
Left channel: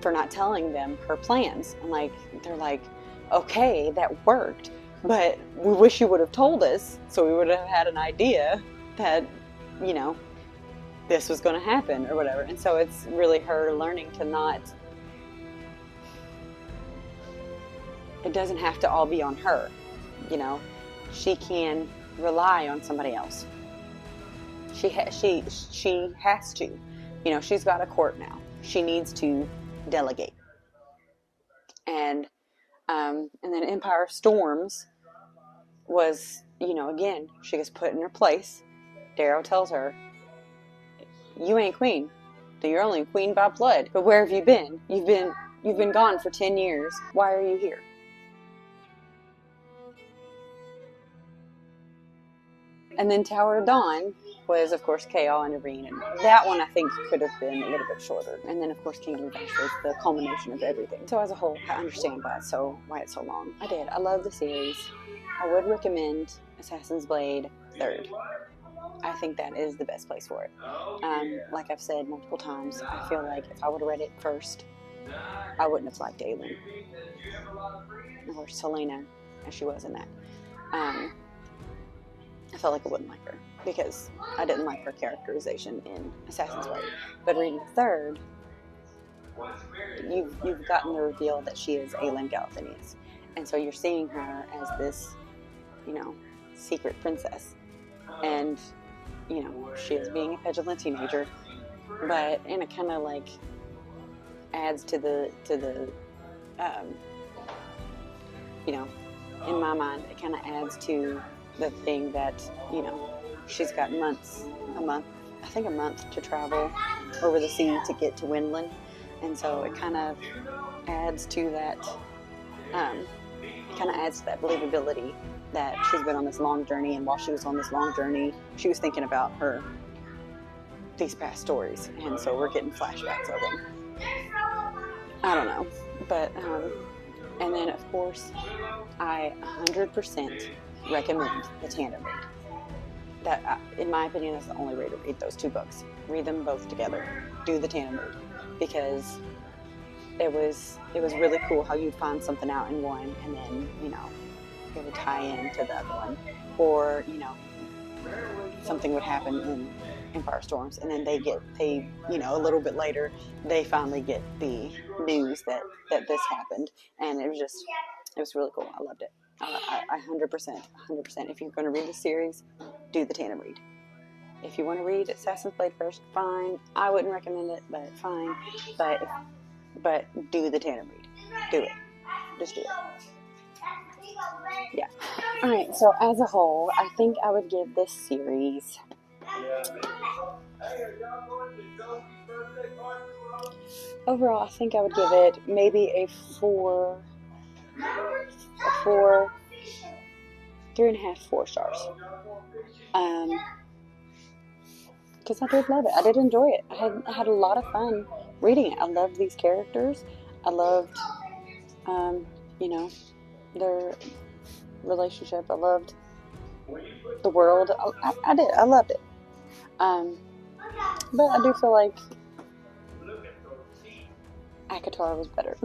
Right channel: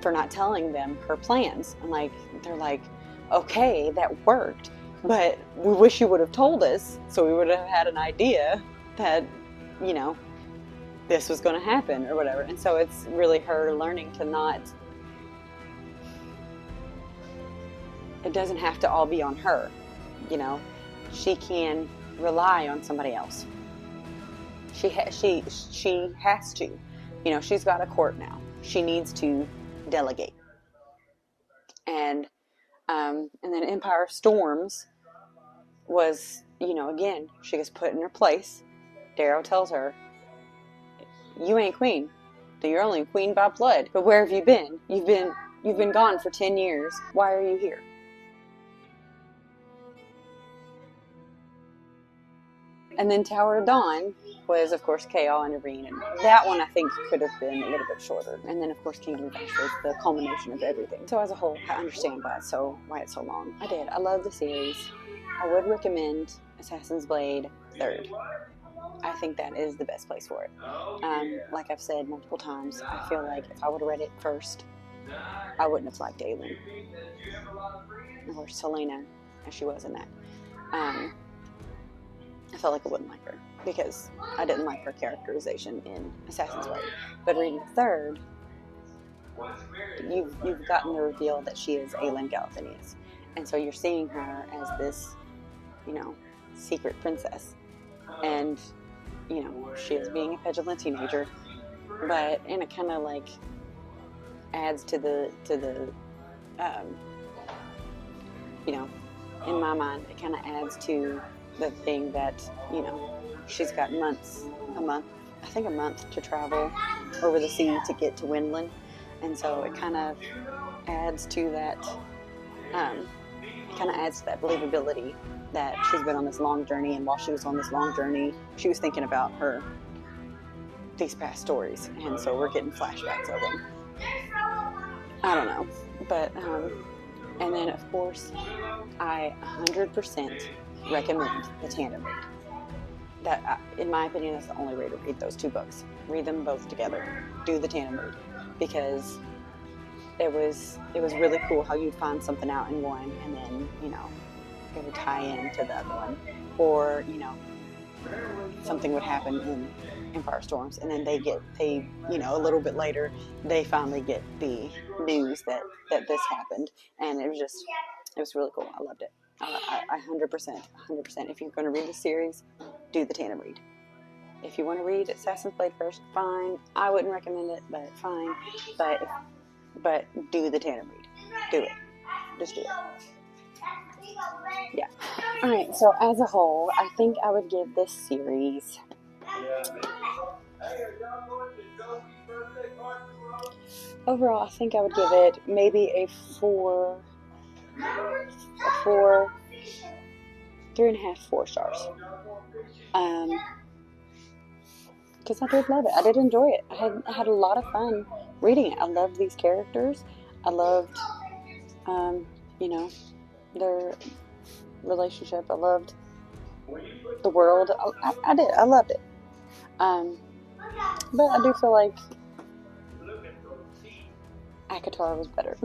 for not telling them her plans. And, like, they're like, okay, that worked, but we wish you would have told us so we would have had an idea that, you know, this was going to happen or whatever. And so it's really her learning to not, it doesn't have to all be on her, you know. She can rely on somebody else. She has to, you know, she's got a court now. She needs to delegate. And then Empire Storms was, you know, again, she gets put in her place. Darrow tells her, you ain't queen. You're only queen by blood. But where have you been? You've been gone for 10 years. Why are you here? And then Tower of Dawn was, of course, KoA and Irene. And that one, I think, could have been a little bit shorter. And then, of course, Kingdom of Ash was the culmination of everything. So as a whole, I understand why it's so long. I did. I love the series. I would recommend Assassin's Blade 3rd. I think that is the best place for it. Like I've said multiple times, I feel like if I would have read it first, I wouldn't have liked Aelin. Or Selena, as she was in that. I felt like I wouldn't like her because I didn't like her characterization in Assassin's Blade. But reading the 3rd, you've gotten the reveal that she is Aelin Galathynius. And so you're seeing her as this, you know, secret princess. And, you know, she is being a petulant teenager, and it kind of like adds to the you know, in my mind, it kind of adds to the thing that, you know, she's got a month to travel over the sea to get to Windland. And so it kind of adds to that, believability that she's been on this long journey. And while she was on this long journey, she was thinking about these past stories. And so we're getting flashbacks of them. I don't know. But, and then of course, I 100% recommend the Tandem read. That, in my opinion, is the only way to read those two books. Read them both together. Do the Tandem read, because it was really cool how you'd find something out in one, and then, you know, it would tie into the other one, or, you know, something would happen in Empire Storms, and then they you know, a little bit later they finally get the news that this happened, and it was really cool. I loved it. I 100%. If you're going to read the series, do the Tandem read. If you want to read Assassin's Blade first, fine. I wouldn't recommend it, but fine. But do the Tandem read. Do it. Just do it. Yeah. All right. So as a whole, I think I would give this series overall. I think I would give it maybe a 3.5, 4 stars. Because I did love it. I did enjoy it. I had a lot of fun reading it. I loved these characters. I loved, you know, their relationship. I loved the world. I did. I loved it. But I do feel like ACOTAR was better.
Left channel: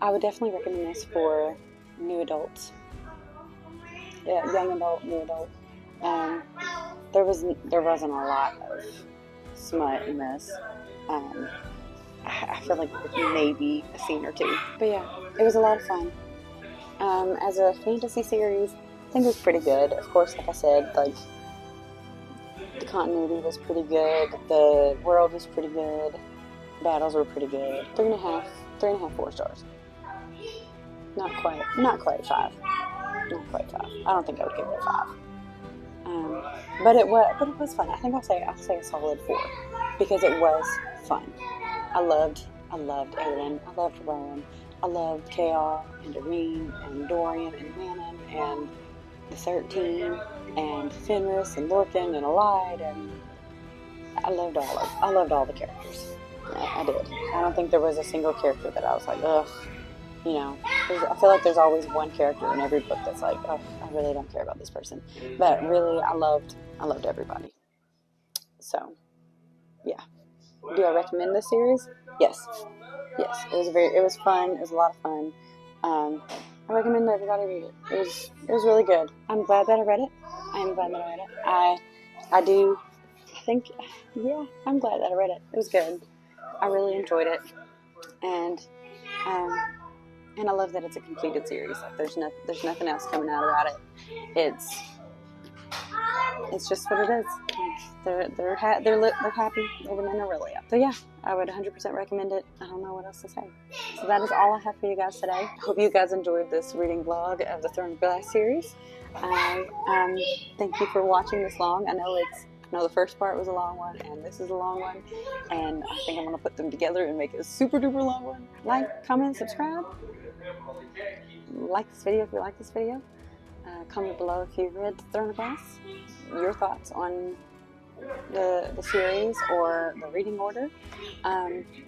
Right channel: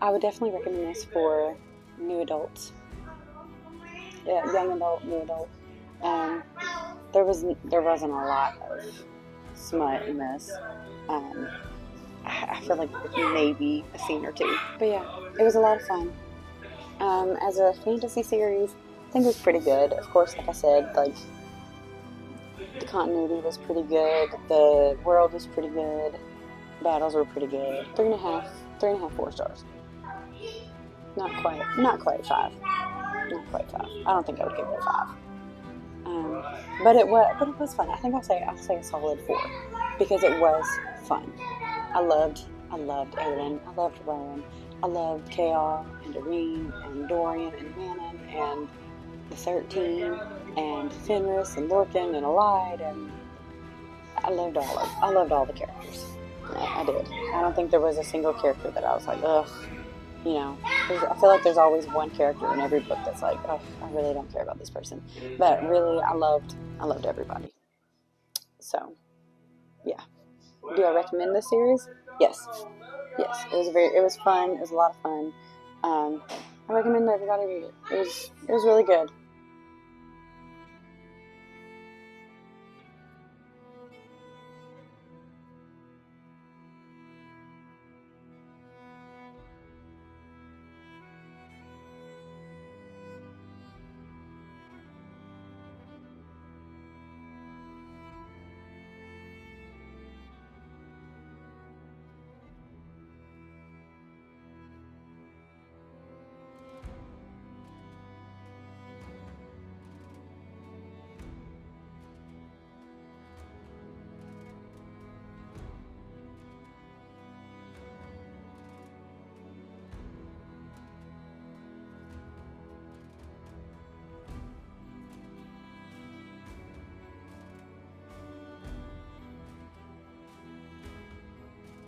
I would definitely recommend this for new adults. Yeah, young adult, new adult. There wasn't a lot of smut in this. I feel like maybe a scene or two. But yeah, it was a lot of fun. As a fantasy series, I think it was pretty good. Of course, like I said, like, the continuity was pretty good. The world was pretty good. Battles were pretty good. 3.5, 4 stars. Not quite 5. Not quite 5. I don't think I would give it a 5. But it was fun. I think I'll say a solid 4, because it was fun. I loved Aelin. I loved Rowan. I loved KoA and Irene and Dorian and Manon and the 13 and Fenris and Lorcan and Alide, and I loved all the characters. I did. I don't think there was a single character that I was like, ugh. You know, I feel like there's always one character in every book that's like, oh, I really don't care about this person. But really, I loved everybody. So, yeah. Do I recommend this series? Yes. Yes, it was fun. It was a lot of fun. I recommend everybody read it. It was really good. I'm glad that I read it. I am glad that I read it. I do think, yeah, I'm glad that I read it. It was good. I really enjoyed it, and I love that it's a completed series. Like there's nothing else coming out about it. It's just what it is. They're happy. Living in a really. So yeah, I would 100% recommend it. I don't know what else to say. So that is all I have for you guys today. I hope you guys enjoyed this reading vlog of the Throne of Glass series. I thank you for watching this long. I know the first part was a long one, and this is a long one, and I think I'm gonna put them together and make it a super duper long one. Like, comment, subscribe. Like this video if you like this video. Comment below if you read Throne of Glass. Your thoughts on the series or the reading order,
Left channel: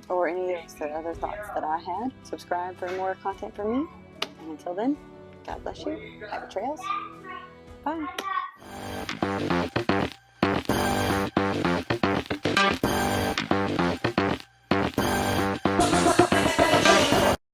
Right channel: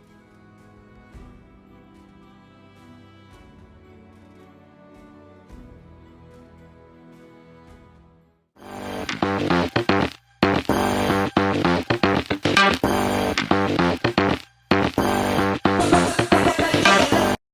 or any of the other thoughts that I had. Subscribe for more content from me. And until then, God bless you. Happy trails. Bye.